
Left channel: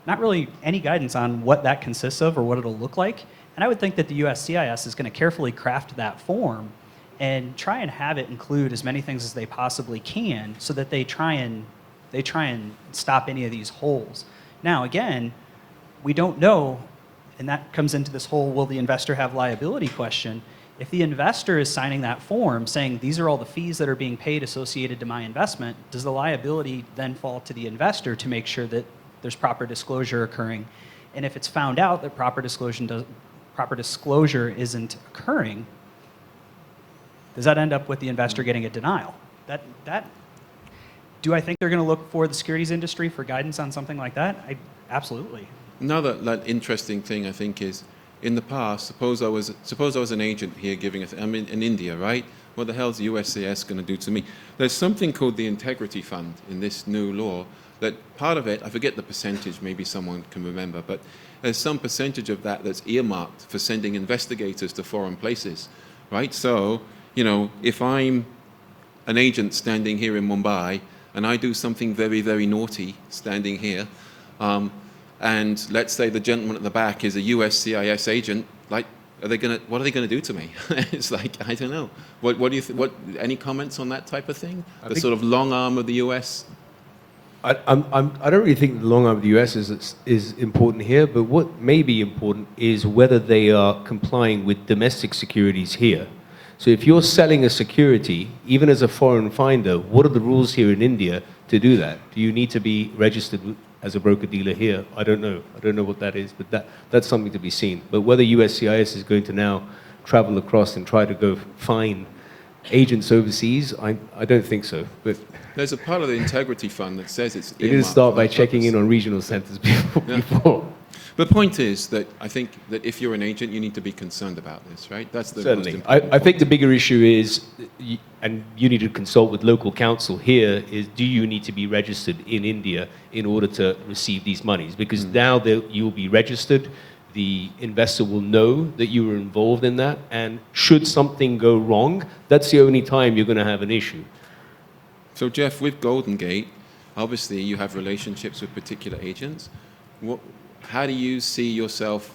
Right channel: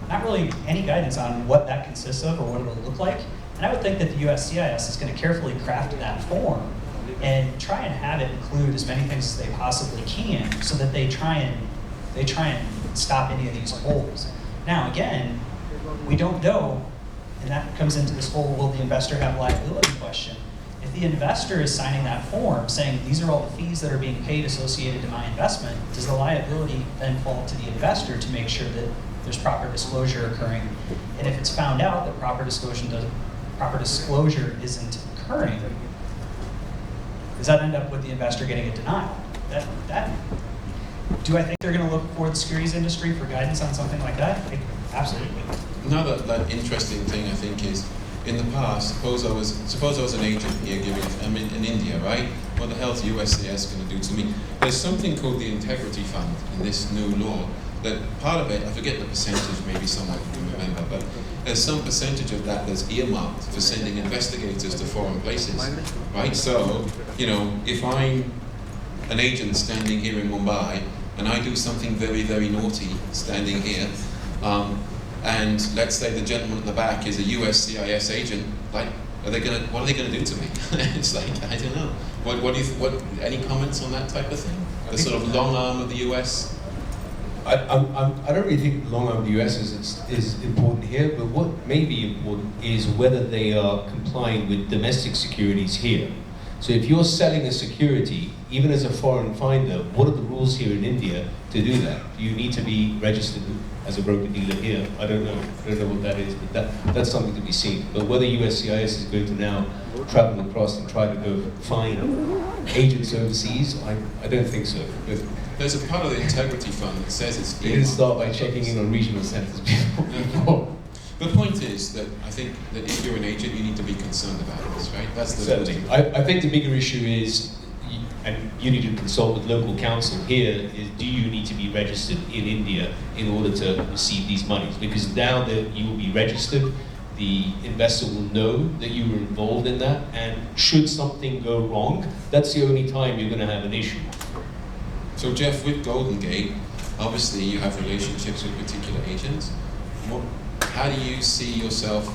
not really any guidance on what that consists of or what it'll look like. And I would think that the USCIS is going to carefully craft that form and try and have it include as many things as they possibly can so that they try and stop any of these holes. Now, again, we don't know, and that comes into this whole will the investor have liability question. If the investor is signing that form saying these are all the fees that are being paid associated to my investment, does the liability then fall to the investor to make sure that there's proper disclosure occurring? And if it's found out that proper disclosure isn't occurring, does that end up with the investor getting a denial? Do I think they're going to look for the securities industry for guidance on something like that? Absolutely. Another that interesting thing I think is, in the past, suppose I was an agent here I'm in India, right? What the hell is USCIS going to do to me? There's something called the Integrity Fund in this new law. That part of it, I forget the percentage, maybe someone can remember, but there's some percentage of that that's earmarked for sending investigators to foreign places, right? So, if I'm an agent standing here in Mumbai and I do something very, very naughty standing here, and let's say the gentleman at the back is a USCIS agent, what are they gonna do to me? It's like, I don't know. What do you any comments on that type of thing? The sort of long arm of the US? I don't really think the long arm of the US is important here, but what may be important is whether they are complying with domestic securities here. So if you're selling a security, even as a foreign finder, what are the rules here in India to do that? Do you need to be registered as a broker-dealer here? I don't know. I don't know what that is, but that's something to be seen. But whether USCIS is going to now travel across and try to go find agents overseas, I don't think so. But there's a part of the Integrity Fund that says it's you didn't start by checking in on regional centers before. The point is that I think that if you're an agent, you need to be concerned about this, right? That's the Certainly. I think the bigger issue is, and you need to consult with local counsel here, is do you need to be registered in India in order to receive these monies? Because now you will be registered, the investor will know that you were involved in that, and should something go wrong, that's the only time you're going to have an issue. So Jeff, with Golden Gate, obviously you have relationships with particular agents. How do you see yourself,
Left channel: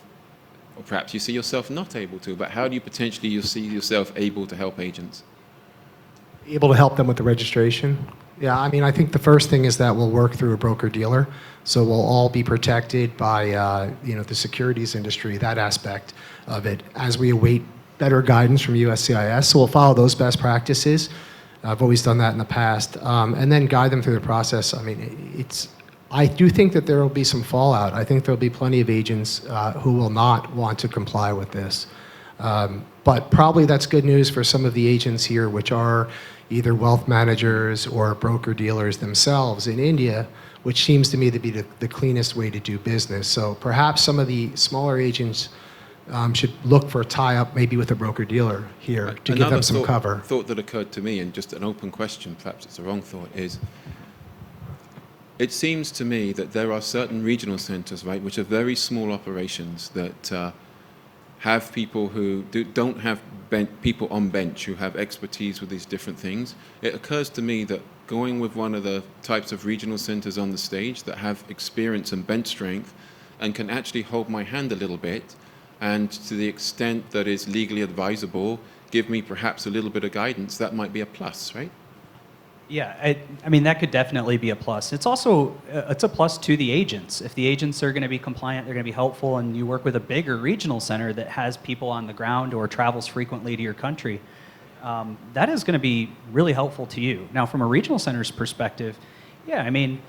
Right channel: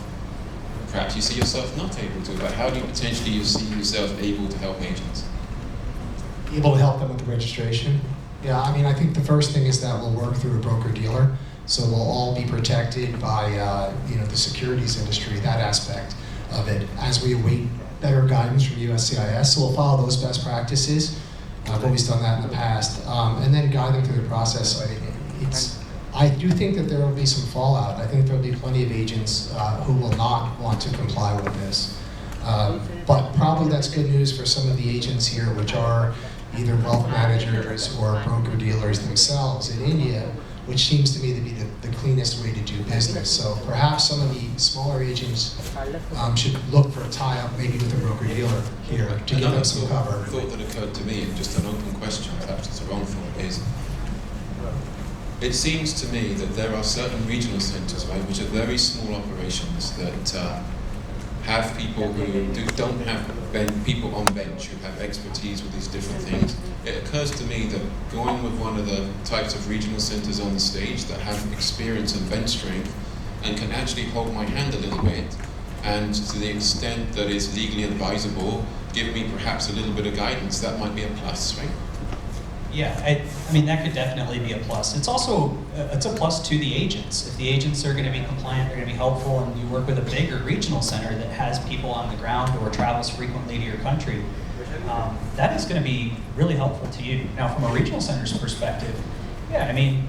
perhaps you see yourself not able to, but how do you potentially see yourself able to help agents? Able to help them with the registration? Yeah, I think the first thing is that we'll work through a broker-dealer, so we'll all be protected by the securities industry, that aspect of it, as we await better guidance from USCIS. So we'll follow those best practices. I've always done that in the past, and then guide them through the process. I do think that there will be some fallout. I think there will be plenty of agents who will not want to comply with this. But probably that's good news for some of the agents here, which are either wealth managers or broker-dealers themselves in India, which seems to me to be the cleanest way to do business. So perhaps some of the smaller agents should look for a tie-up maybe with a broker-dealer here to give them some cover. Thought that occurred to me, and just an open question, perhaps it's a wrong thought, is it seems to me that there are certain regional centres, right, which are very small operations that have people who don't have people on bench who have expertise with these different things. It occurs to me that going with one of the types of regional centres on the stage that have experience and bench strength and can actually hold my hand a little bit, and to the extent that is legally advisable, give me perhaps a little bit of guidance, that might be a plus, right? Yeah, I mean, that could definitely be a plus. It's also, it's a plus to the agents. If the agents are going to be compliant, they're going to be helpful, and you work with a bigger regional center that has people on the ground or travels frequently to your country, that is going to be really helpful to you. Now, from a regional center's perspective, yeah, I mean,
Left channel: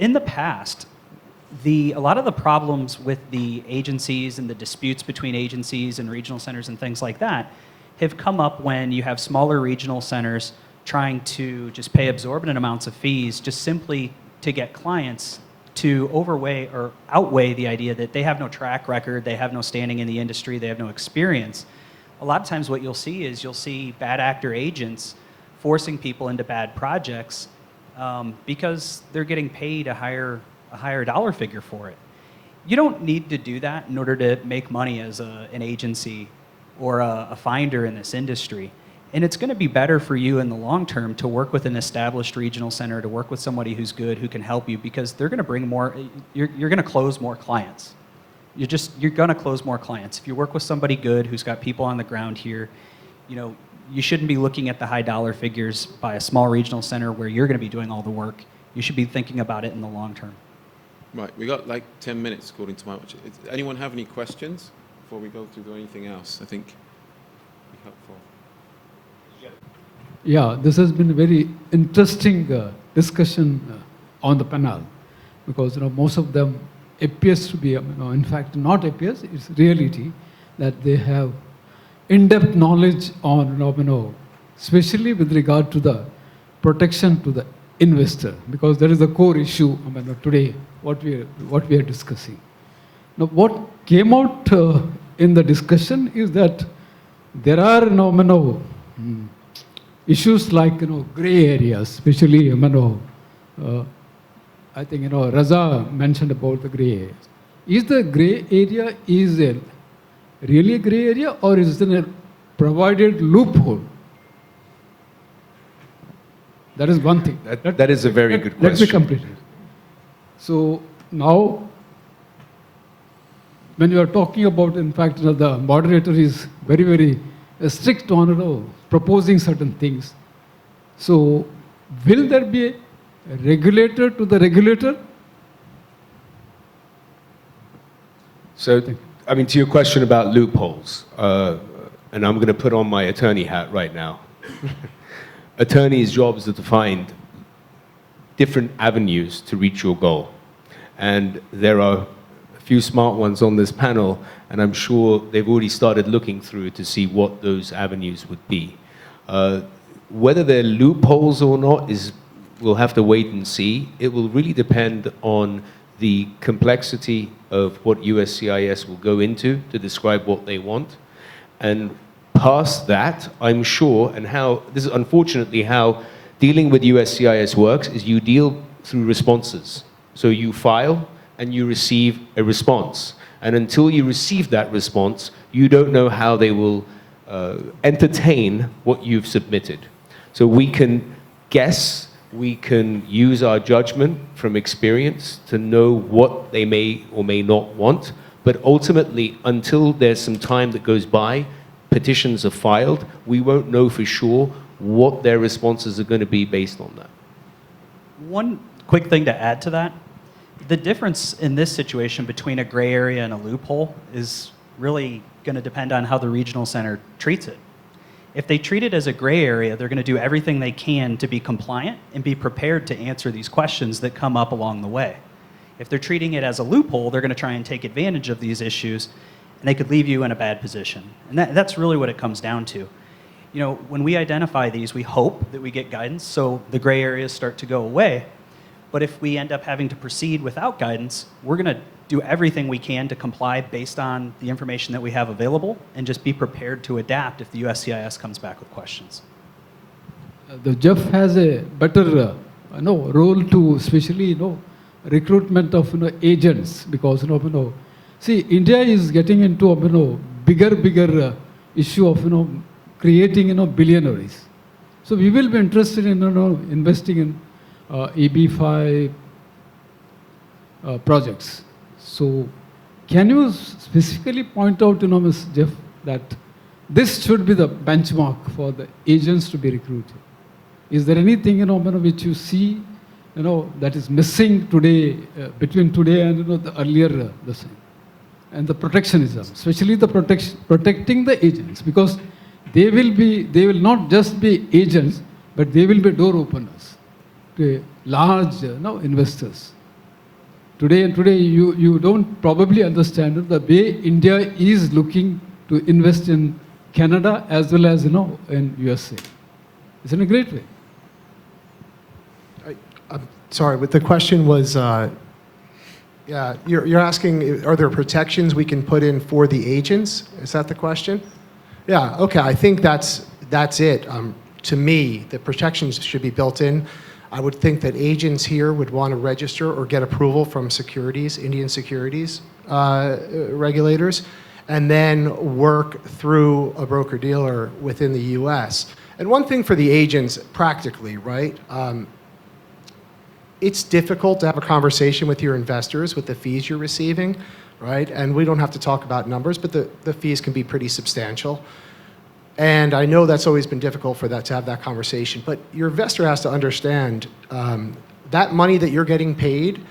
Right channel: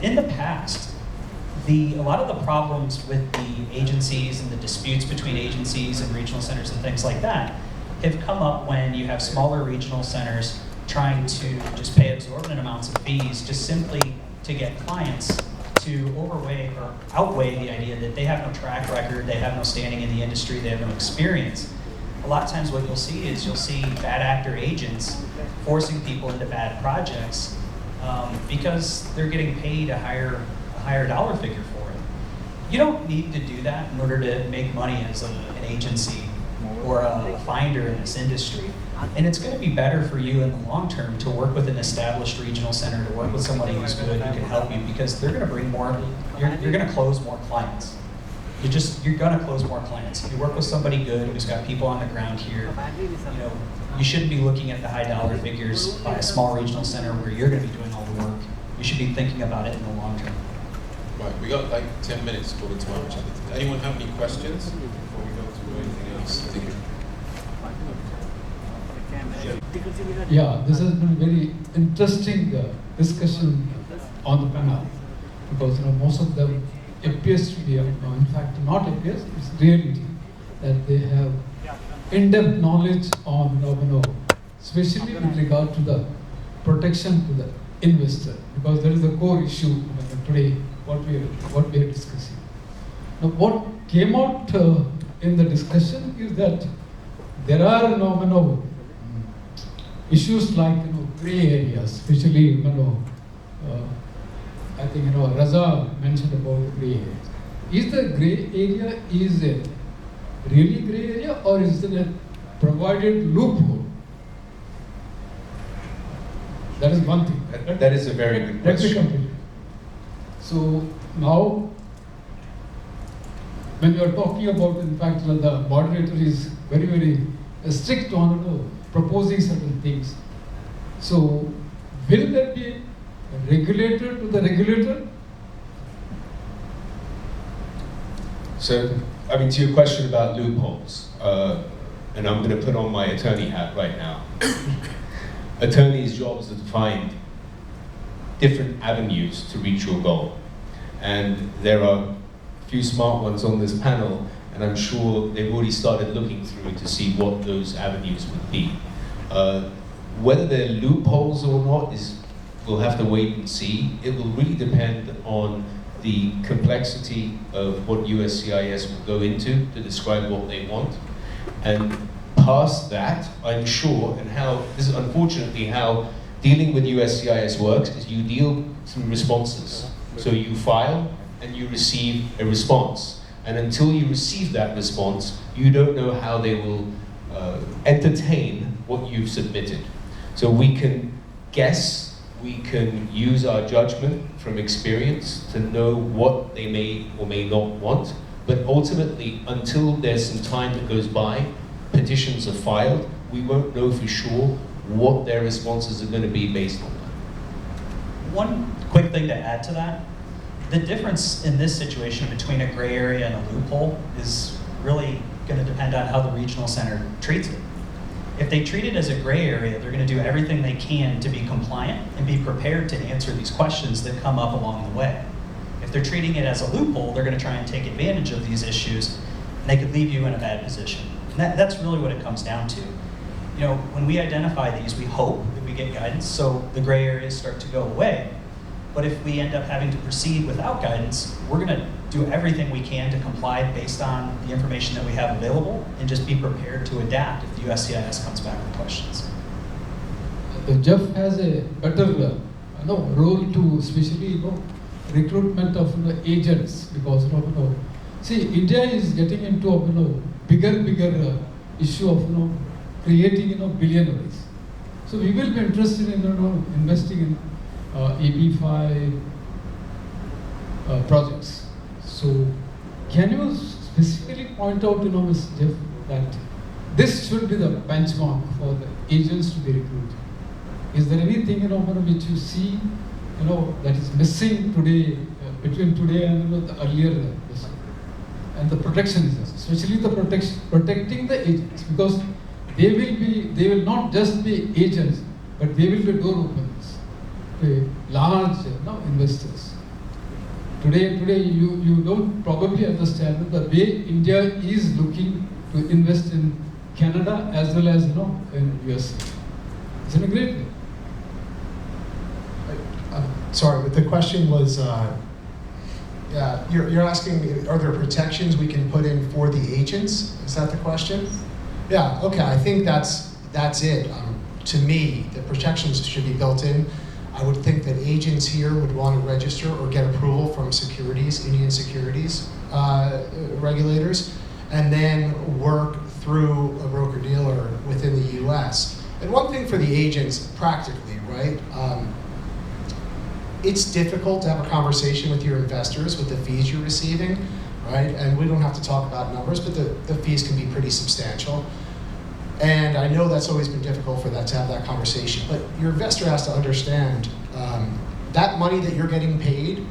in the past, a lot of the problems with the agencies and the disputes between agencies and regional centers and things like that have come up when you have smaller regional centers trying to just pay exorbitant amounts of fees just simply to get clients to outweigh the idea that they have no track record, they have no standing in the industry, they have no experience. A lot of times what you'll see is bad actor agents forcing people into bad projects because they're getting paid a higher dollar figure for it. You don't need to do that in order to make money as an agency or a finder in this industry. And it's going to be better for you in the long term to work with an established regional center, to work with somebody who's good, who can help you, because they're going to bring more, you're going to close more clients. You're going to close more clients. If you work with somebody good who's got people on the ground here, you shouldn't be looking at the high dollar figures by a small regional center where you're going to be doing all the work. You should be thinking about it in the long term. Right, we got like 10 minutes according to time. Anyone have any questions before we go to anything else? I think. Yeah, this has been a very interesting discussion on the panel, because most of them appears to be, in fact not appears, it's reality that they have in-depth knowledge on, especially with regard to the protection to the investor, because that is the core issue today what we are discussing. Now, what came out in the discussion is that there are issues like gray areas, especially I think Reza mentioned about the gray areas. Is the gray area it really a gray area, or is it a provided loophole? That is one thing. That is a very good question. Let me complete it. So now, when you are talking about, in fact, the moderator is very, very strict on proposing certain things. So, will there be a regulator to the regulator? So, to your question about loopholes, and I'm going to put on my attorney hat right now. Attorneys' jobs are to find different avenues to reach your goal. And there are a few smart ones on this panel, and I'm sure they've already started looking through it to see what those avenues would be. Whether they're loopholes or not we'll have to wait and see. It will really depend on the complexity of what USCIS will go into to describe what they want. And past that, I'm sure, and this is unfortunately how dealing with USCIS works, is you deal through responses. So you file and you receive a response. And until you receive that response, you don't know how they will entertain what you've submitted. So we can guess, we can use our judgment from experience to know what they may or may not want, but ultimately, until there's some time that goes by, petitions are filed, we won't know for sure what their responses are going to be based on that. One quick thing to add to that, the difference in this situation between a gray area and a loophole is really going to depend on how the regional center treats it. If they treat it as a gray area, they're going to do everything they can to be compliant and be prepared to answer these questions that come up along the way. If they're treating it as a loophole, they're going to try and take advantage of these issues And they could leave you in a bad position. And that's really what it comes down to. You know, when we identify these, we hope that we get guidance so the gray areas start to go away. But if we end up having to proceed without guidance, we're going to do everything we can to comply based on the information that we have available and just be prepared to adapt if the USCIS comes back with questions. The Jeff has a better role to, especially recruitment of agents, because see, India is getting into bigger issue of creating billionaires. So we will be interested in investing in EB5 projects. So can you specifically point out, Ms. Jeff, that this should be the benchmark for the agents to be recruited? Is there anything which you see that is missing today between today and the earlier and the protectionism, especially the protecting the agents, because they will not just be agents, but they will be door openers to large investors. Today you don't probably understand the way India is looking to invest in Canada as well as in USA. It's in a great way. Sorry, but the question was, yeah, you're asking, are there protections we can put in for the agents? Is that the question? Yeah, okay, I think that's it. To me, the protections should be built in. I would think that agents here would want to register or get approval from Indian securities regulators, and then work through a broker-dealer within the US. And one thing for the agents, practically, right? It's difficult to have a conversation with your investors with the fees you're receiving, right? And we don't have to talk about numbers, but the fees can be pretty substantial. And I know that's always been difficult for that to have that conversation, but your investor has to understand that money that you're getting paid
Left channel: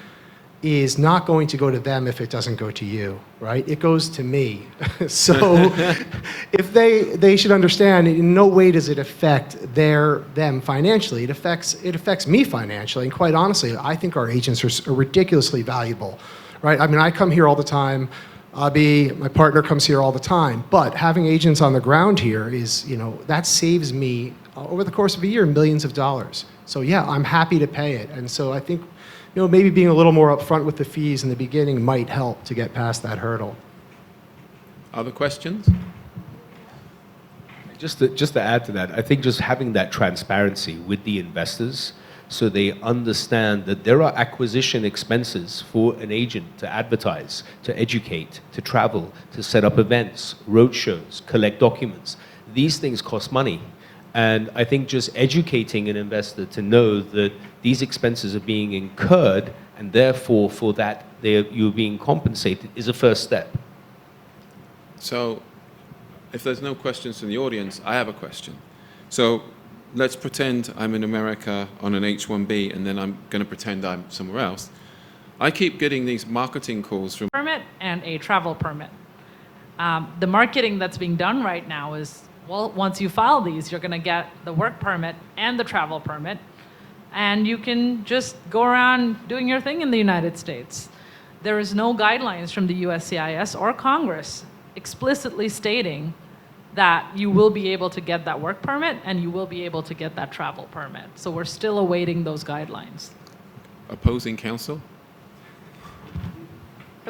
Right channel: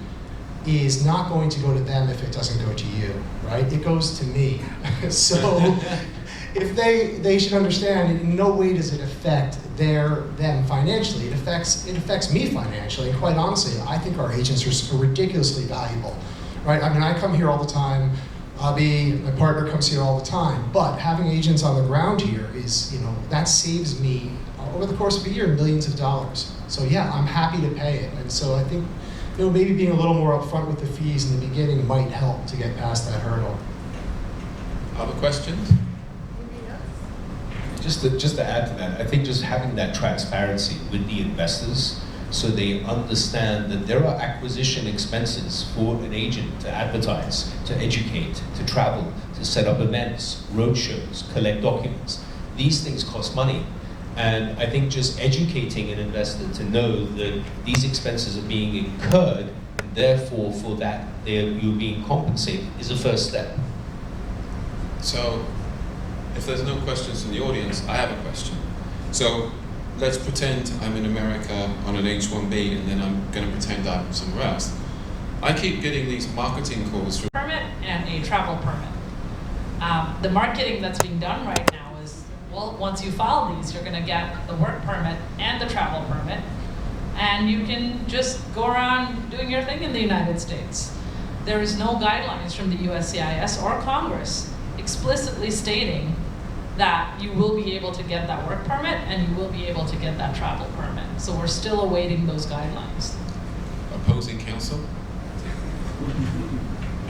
is not going to go to them if it doesn't go to you, right? It goes to me. So if they should understand, in no way does it affect them financially. It affects me financially. Quite honestly, I think our agents are ridiculously valuable, right? I mean, I come here all the time. My partner comes here all the time. But having agents on the ground here is, that saves me over the course of a year millions of dollars. So yeah, I'm happy to pay it. And so I think, maybe being a little more upfront with the fees in the beginning might help to get past that hurdle. Other questions? Just to add to that, I think just having that transparency with the investors so they understand that there are acquisition expenses for an agent to advertise, to educate, to travel, to set up events, roadshows, collect documents. These things cost money. And I think just educating an investor to know that these expenses are being incurred and therefore for that you're being compensated is a first step. So if there's no questions in the audience, I have a question. So let's pretend I'm in America on an H-1B and then I'm going to pretend I'm somewhere else. I keep getting these marketing calls from permit and a travel permit. The marketing that's being done right now is, well, once you file these, you're going to get the work permit and the travel permit, and you can just go around doing your thing in the United States. There is no guidelines from the USCIS or Congress explicitly stating that you will be able to get that work permit and you will be able to get that travel permit. So we're still awaiting those guidelines. Opposing counsel?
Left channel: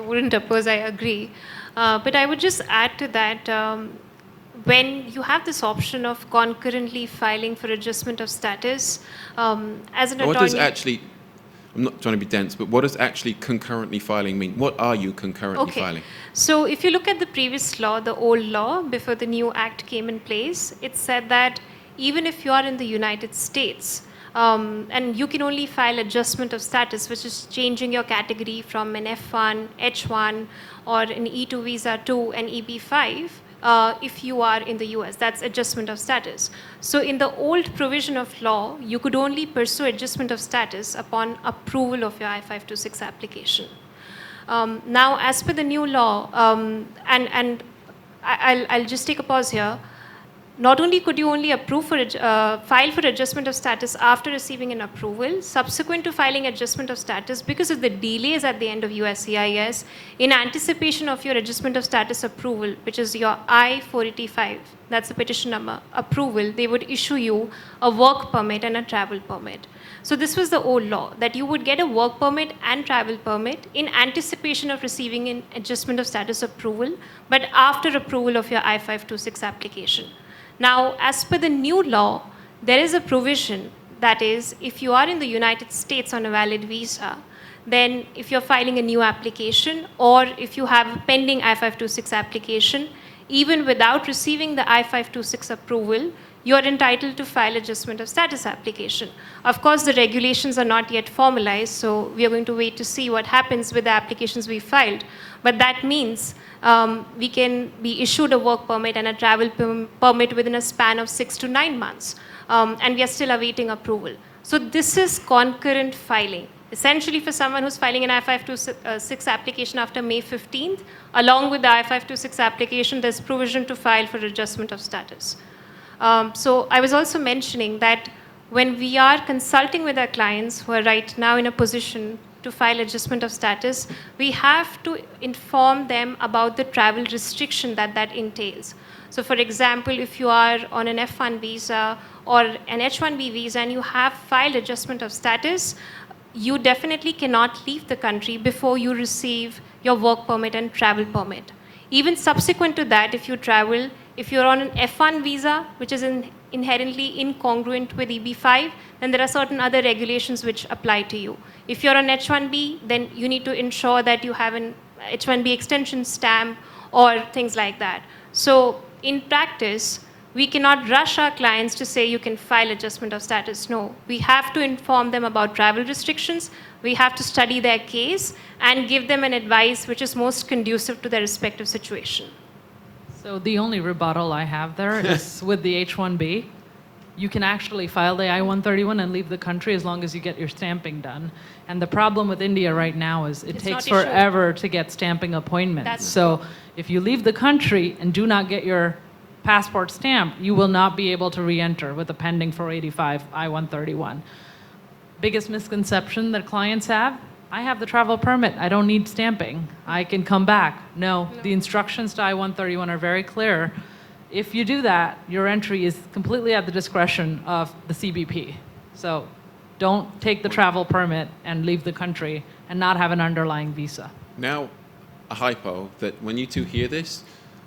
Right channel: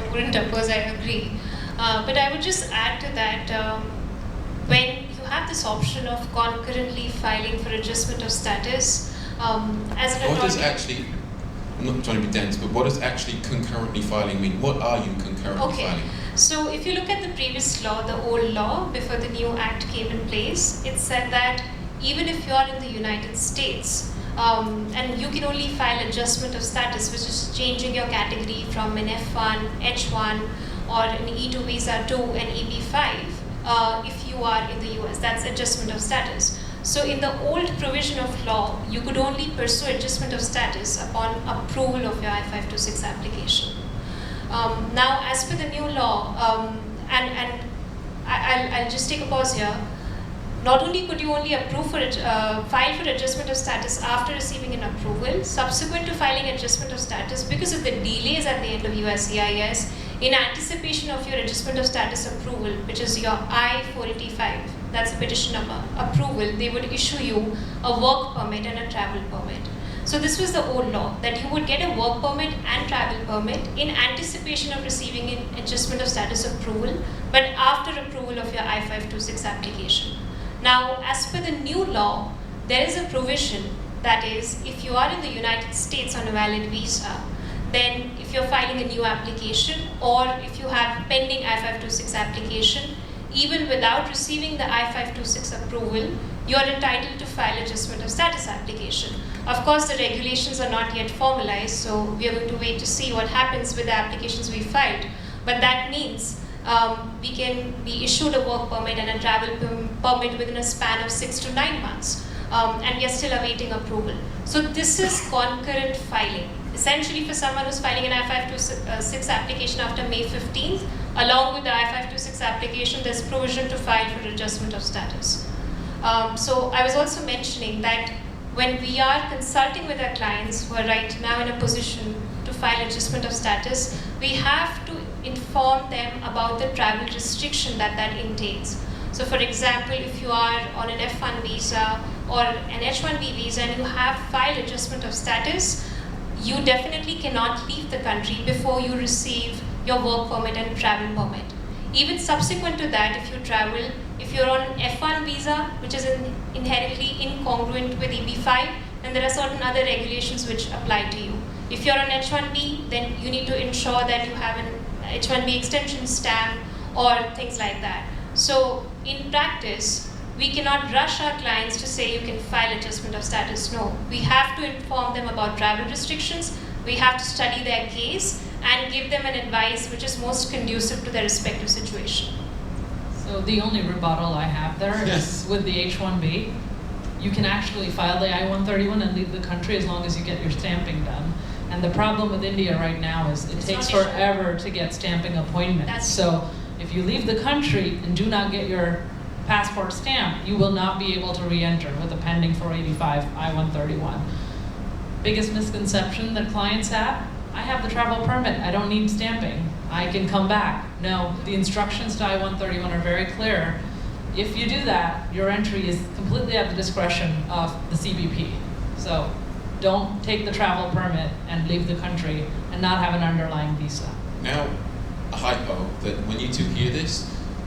I wouldn't oppose, I agree. But I would just add to that, when you have this option of concurrently filing for adjustment of status, as an attorney... What does actually, I'm not trying to be dense, but what does actually concurrently filing mean? What are you concurrently filing? So if you look at the previous law, the old law, before the new act came in place, it said that even if you are in the United States, and you can only file adjustment of status, which is changing your category from an F1, H1, or an E2 visa to an EB5, if you are in the US, that's adjustment of status. So in the old provision of law, you could only pursue adjustment of status upon approval of your I-526 application. Now, as per the new law, and I'll just take a pause here, not only could you only file for adjustment of status after receiving an approval, subsequent to filing adjustment of status, because of the delays at the end of USCIS, in anticipation of your adjustment of status approval, which is your I-485, that's the petition number, approval, they would issue you a work permit and a travel permit. So this was the old law, that you would get a work permit and travel permit in anticipation of receiving an adjustment of status approval, but after approval of your I-526 application. Now, as per the new law, there is a provision that is, if you are in the United States on a valid visa, then if you're filing a new application or if you have pending I-526 application, even without receiving the I-526 approval, you are entitled to file adjustment of status application. Of course, the regulations are not yet formalized, so we are going to wait to see what happens with the applications we filed. But that means we can be issued a work permit and a travel permit within a span of 6 to 9 months, and we are still awaiting approval. So this is concurrent filing. Essentially, for someone who's filing an I-526 application after May 15th, along with the I-526 application, there's provision to file for adjustment of status. So I was also mentioning that when we are consulting with our clients who are right now in a position to file adjustment of status, we have to inform them about the travel restriction that that entails. So for example, if you are on an F1 visa or an H1B visa and you have filed adjustment of status, you definitely cannot leave the country before you receive your work permit and travel permit. Even subsequent to that, if you travel, if you're on an F1 visa, which is inherently incongruent with EB5, then there are certain other regulations which apply to you. If you're on H1B, then you need to ensure that you have an H1B extension stamp or things like that. So in practice, we cannot rush our clients to say you can file adjustment of status. No, we have to inform them about travel restrictions. We have to study their case and give them an advice which is most conducive to their respective situation. So the only rebuttal I have there is with the H-1B. You can actually file the I-131 and leave the country as long as you get your stamping done. And the problem with India right now is it takes forever to get stamping appointments. So if you leave the country and do not get your passport stamped, you will not be able to re-enter with a pending 485 I-131. Biggest misconception that clients have, I have the travel permit, I don't need stamping, I can come back. No, the instructions to I-131 are very clear. If you do that, your entry is completely at the discretion of the CBP. So don't take the travel permit and leave the country and not have an underlying visa. Now, a hypo that when you two hear this,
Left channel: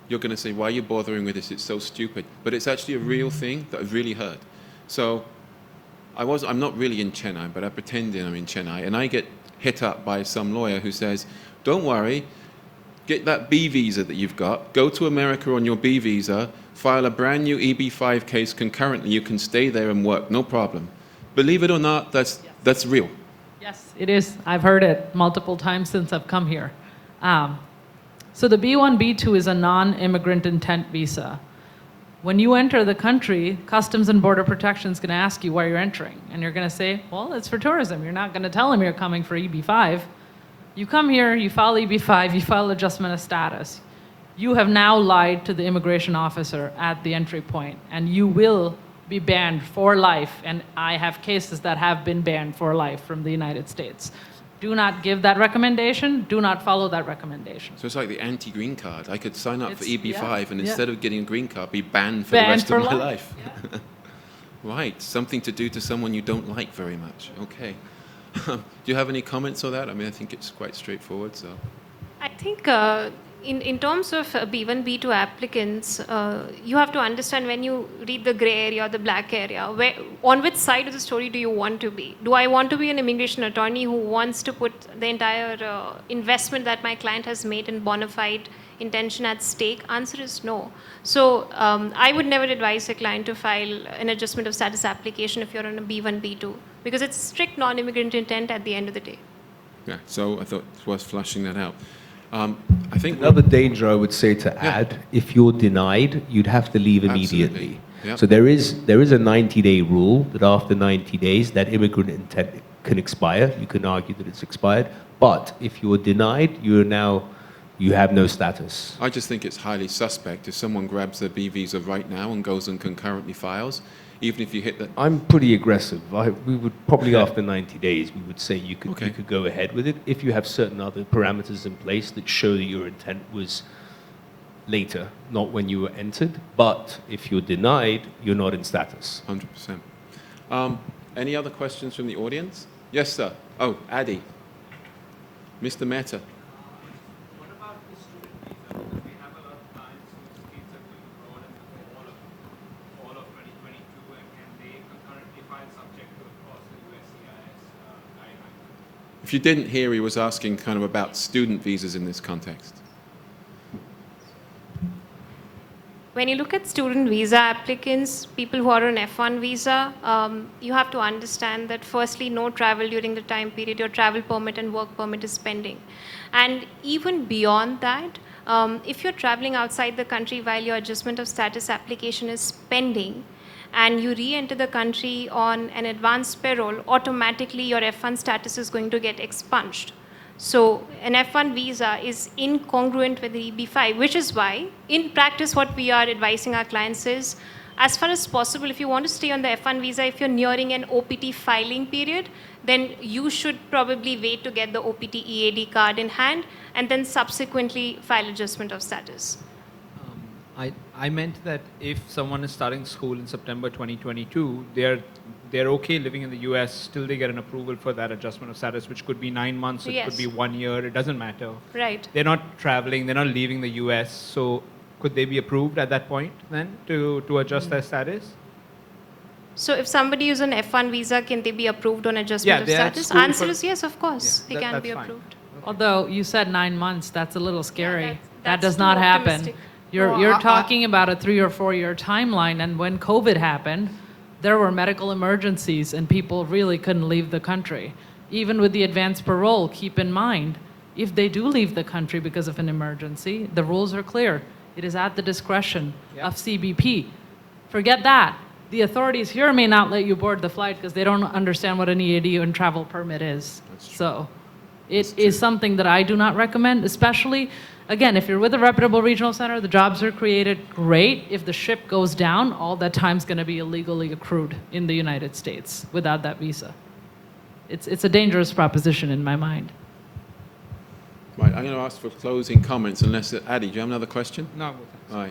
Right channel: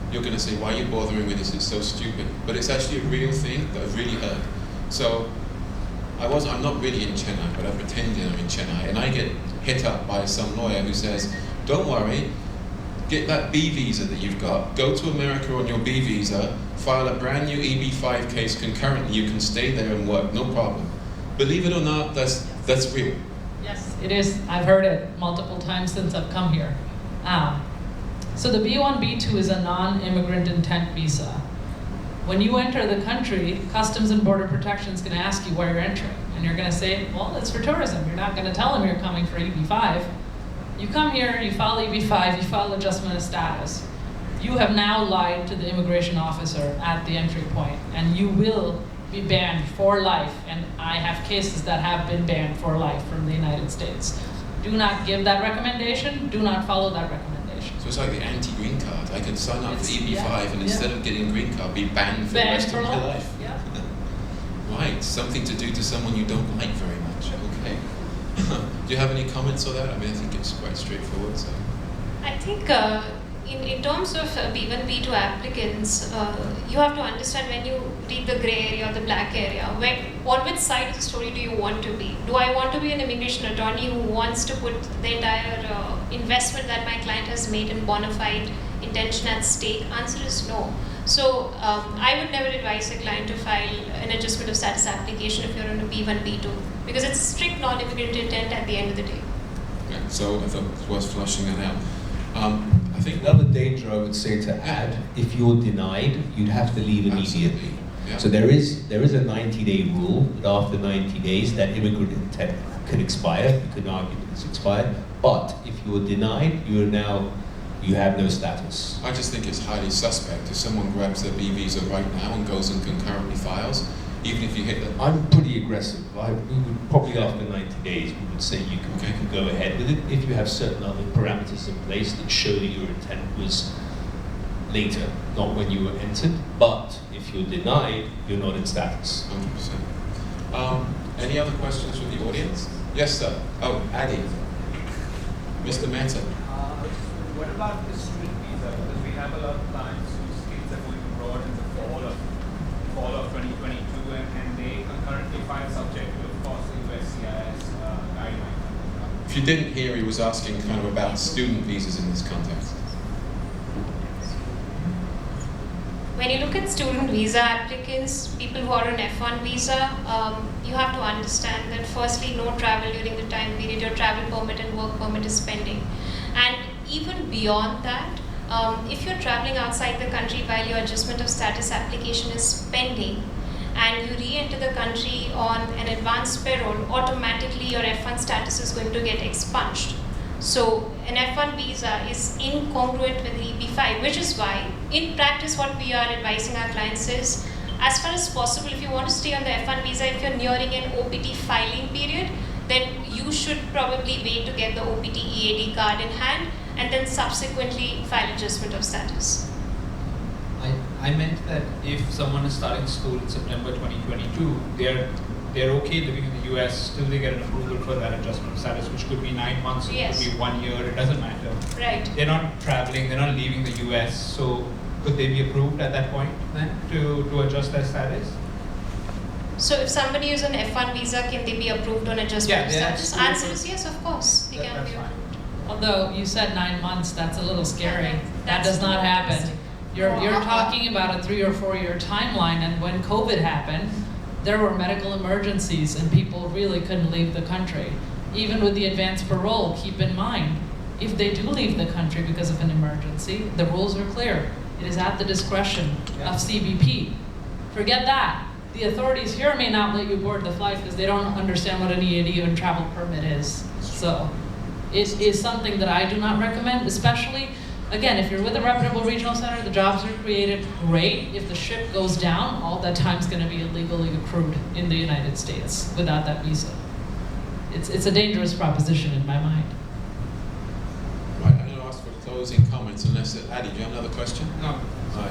you're going to say, why are you bothering with this? It's so stupid. But it's actually a real thing that I've really heard. So I'm not really in Chennai, but I pretend that I'm in Chennai, and I get hit up by some lawyer who says, don't worry, get that B visa that you've got, go to America on your B visa, file a brand new EB5 case concurrently, you can stay there and work, no problem. Believe it or not, that's real. Yes, it is. I've heard it multiple times since I've come here. So the B1, B2 is a non-immigrant intent visa. When you enter the country, Customs and Border Protection is going to ask you where you're entering. And you're going to say, well, it's for tourism. You're not going to tell them you're coming for EB5. You come here, you file EB5, you file adjustment of status. You have now lied to the immigration officer at the entry point, and you will be banned for life. And I have cases that have been banned for life from the United States. Do not give that recommendation. Do not follow that recommendation. So it's like the anti-green card. I could sign up for EB5 and instead of getting a green card, be banned for the rest of my life. Yeah. Right, something to do to someone you don't like very much. Okay. Do you have any comments on that? I mean, I think it's quite straightforward. So. I think in terms of B1, B2 applicants, you have to understand when you read the gray area or the black area, on which side of the story do you want to be? Do I want to be an immigration attorney who wants to put the entire investment that my client has made in bona fide intention at stake? Answer is no. So I would never advise a client to file an adjustment of status application if you're on a B1, B2, because it's strict non-immigrant intent at the end of the day. Yeah, so I thought it was worth fleshing that out. I think another danger I would say to add, if you're denied, you'd have to leave immediately. Yeah. So there is a 90-day rule that after 90 days that immigrant intent could expire. You could argue that it's expired, but if you were denied, you you have no status. I just think it's highly suspect if someone grabs their B visa right now and goes and concurrently files, even if you hit the... I'm pretty aggressive. We would probably after 90 days, we would say you can go ahead with it if you have certain other parameters in place that show that your intent was later, not when you were entered. But if you're denied, you're not in status. 100%. Any other questions from the audience? Yes, sir. Oh, Adi. Mr. Mehta. What about the student visa? Because we have a lot of clients whose kids are going abroad in the fall of 2022, and they concurrently file subject to, of course, the USCIS guideline. If you didn't hear, he was asking kind of about student visas in this context. When you look at student visa applicants, people who are on F1 visa, you have to understand that firstly, no travel during the time period, your travel permit and work permit is pending. And even beyond that, if you're traveling outside the country while your adjustment of status application is pending, and you re-enter the country on an advanced payroll, automatically your F1 status is going to get expunged. So an F1 visa is incongruent with the EB5, which is why, in practice, what we are advising our clients is, as far as possible, if you want to stay on the F1 visa, if you're nearing an OPT filing period, then you should probably wait to get the OPT EAD card in hand, and then subsequently file adjustment of status. I meant that if someone is starting school in September 2022, they're okay living in the US till they get an approval for that adjustment of status, which could be 9 months, it Yes. could be 1 year, it doesn't matter. Right. They're not traveling, they're not leaving the US, so could they be approved at that point then to adjust their status? So if somebody is on F1 visa, can they be approved on adjustment of they're at status? school Answer for- is yes, of course, they can That's be fine. approved. Although you said 9 months, that's a little scary. That That's does not too happen. optimistic. You're talking about a 3 or 4 year timeline, and when COVID happened, there were medical emergencies and people really couldn't leave the country. Even with the advanced parole, keep in mind, if they do leave the country because of an emergency, the rules are clear. It is at the discretion of CBP. Forget that. The authorities here may not let you board the flight because they don't understand what an EAD or travel permit is. So it is something that I do not recommend, especially, again, if you're with a reputable regional center, the jobs are created, great. If the ship goes down, all that time's gonna be illegally accrued in the United States without that visa. It's a dangerous proposition in my mind. Right, I'm going to ask for closing comments unless, Adi, do you have another question? No. Right.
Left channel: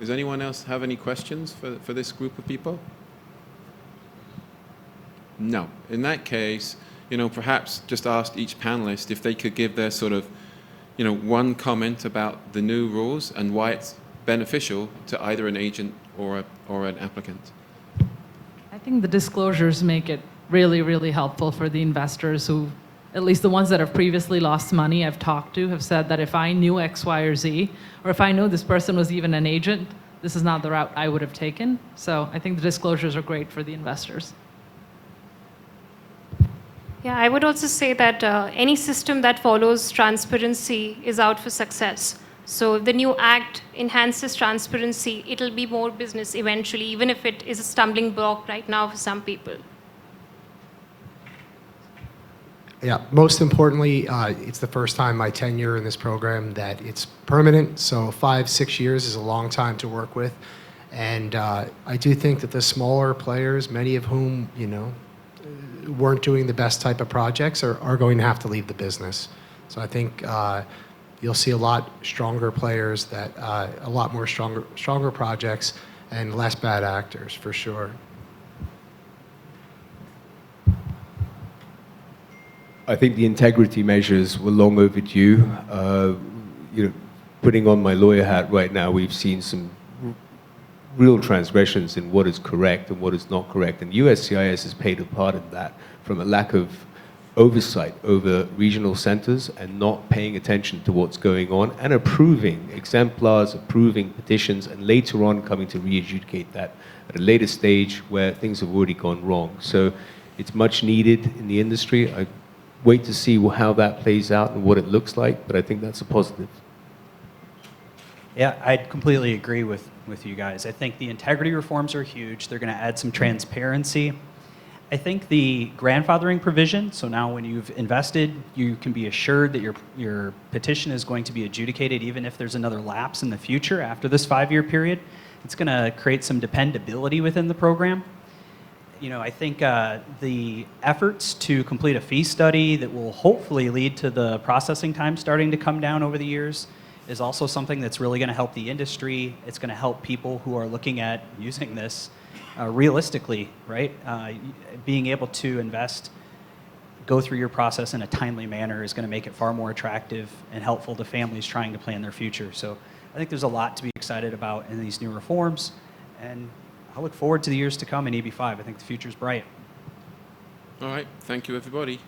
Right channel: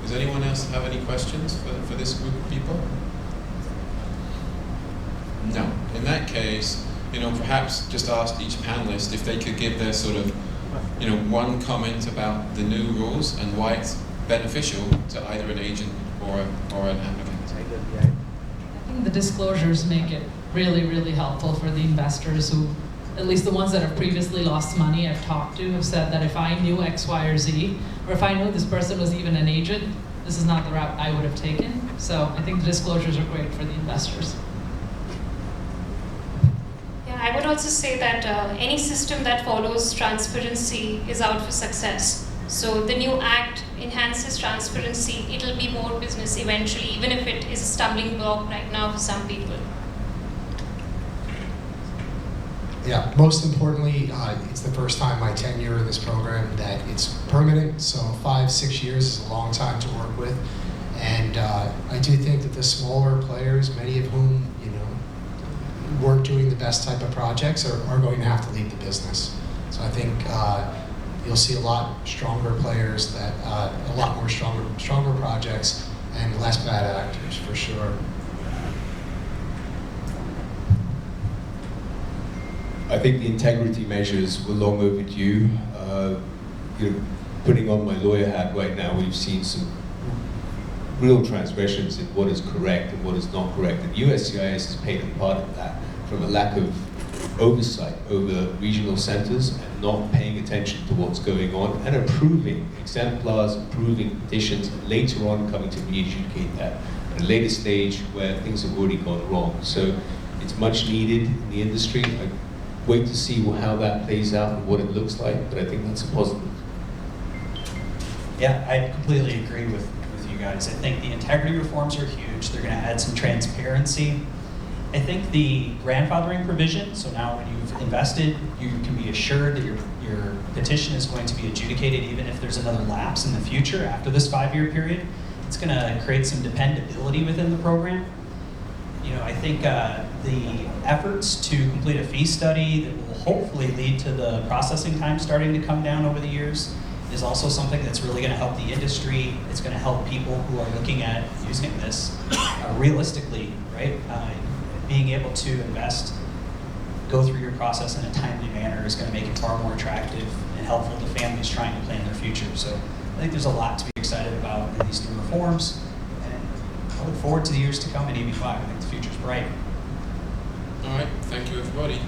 Does anyone else have any questions for this group of people? No. In that case, perhaps just ask each panelist if they could give their sort of, one comment about the new rules and why it's beneficial to either an agent or an applicant. I think the disclosures make it really, really helpful for the investors who, at least the ones that have previously lost money I've talked to, have said that if I knew X, Y, or Z, or if I knew this person was even an agent, this is not the route I would have taken. So I think the disclosures are great for the investors. Yeah, I would also say that any system that follows transparency is out for success. So the new act enhances transparency. It'll be more business eventually, even if it is a stumbling block right now for some people. Yeah, most importantly, it's the first time my tenure in this program that it's permanent, so 5-6 years is a long time to work with. And I do think that the smaller players, many of whom, weren't doing the best type of projects are going to have to leave the business. So I think you'll see a lot stronger players, that a lot more stronger projects and less bad actors for sure. I think the integrity measures were long overdue. Putting on my lawyer hat right now, we've seen some real transgressions in what is correct and what is not correct. And USCIS has paid a part of that from a lack of oversight over regional centers and not paying attention to what's going on and approving exemplars, approving petitions, and later on coming to re-adjudicate that at a later stage where things have already gone wrong. So it's much needed in the industry. I wait to see how that plays out and what it looks like, but I think that's a positive. Yeah, I completely agree with you guys. I think the integrity reforms are huge. They're going to add some transparency. I think the grandfathering provision, so now when you've invested, you can be assured that your petition is going to be adjudicated even if there's another lapse in the future after this 5-year period. It's going to create some dependability within the program. You know, I think the efforts to complete a fee study that will hopefully lead to the processing time starting to come down over the years is also something that's really going to help the industry. It's going to help people who are looking at using this realistically, right? Being able to invest, go through your process in a timely manner is going to make it far more attractive and helpful to families trying to plan their future. So I think there's a lot to be excited about in these new reforms, and I look forward to the years to come in EB5. I think the future's bright. All right, thank you, everybody.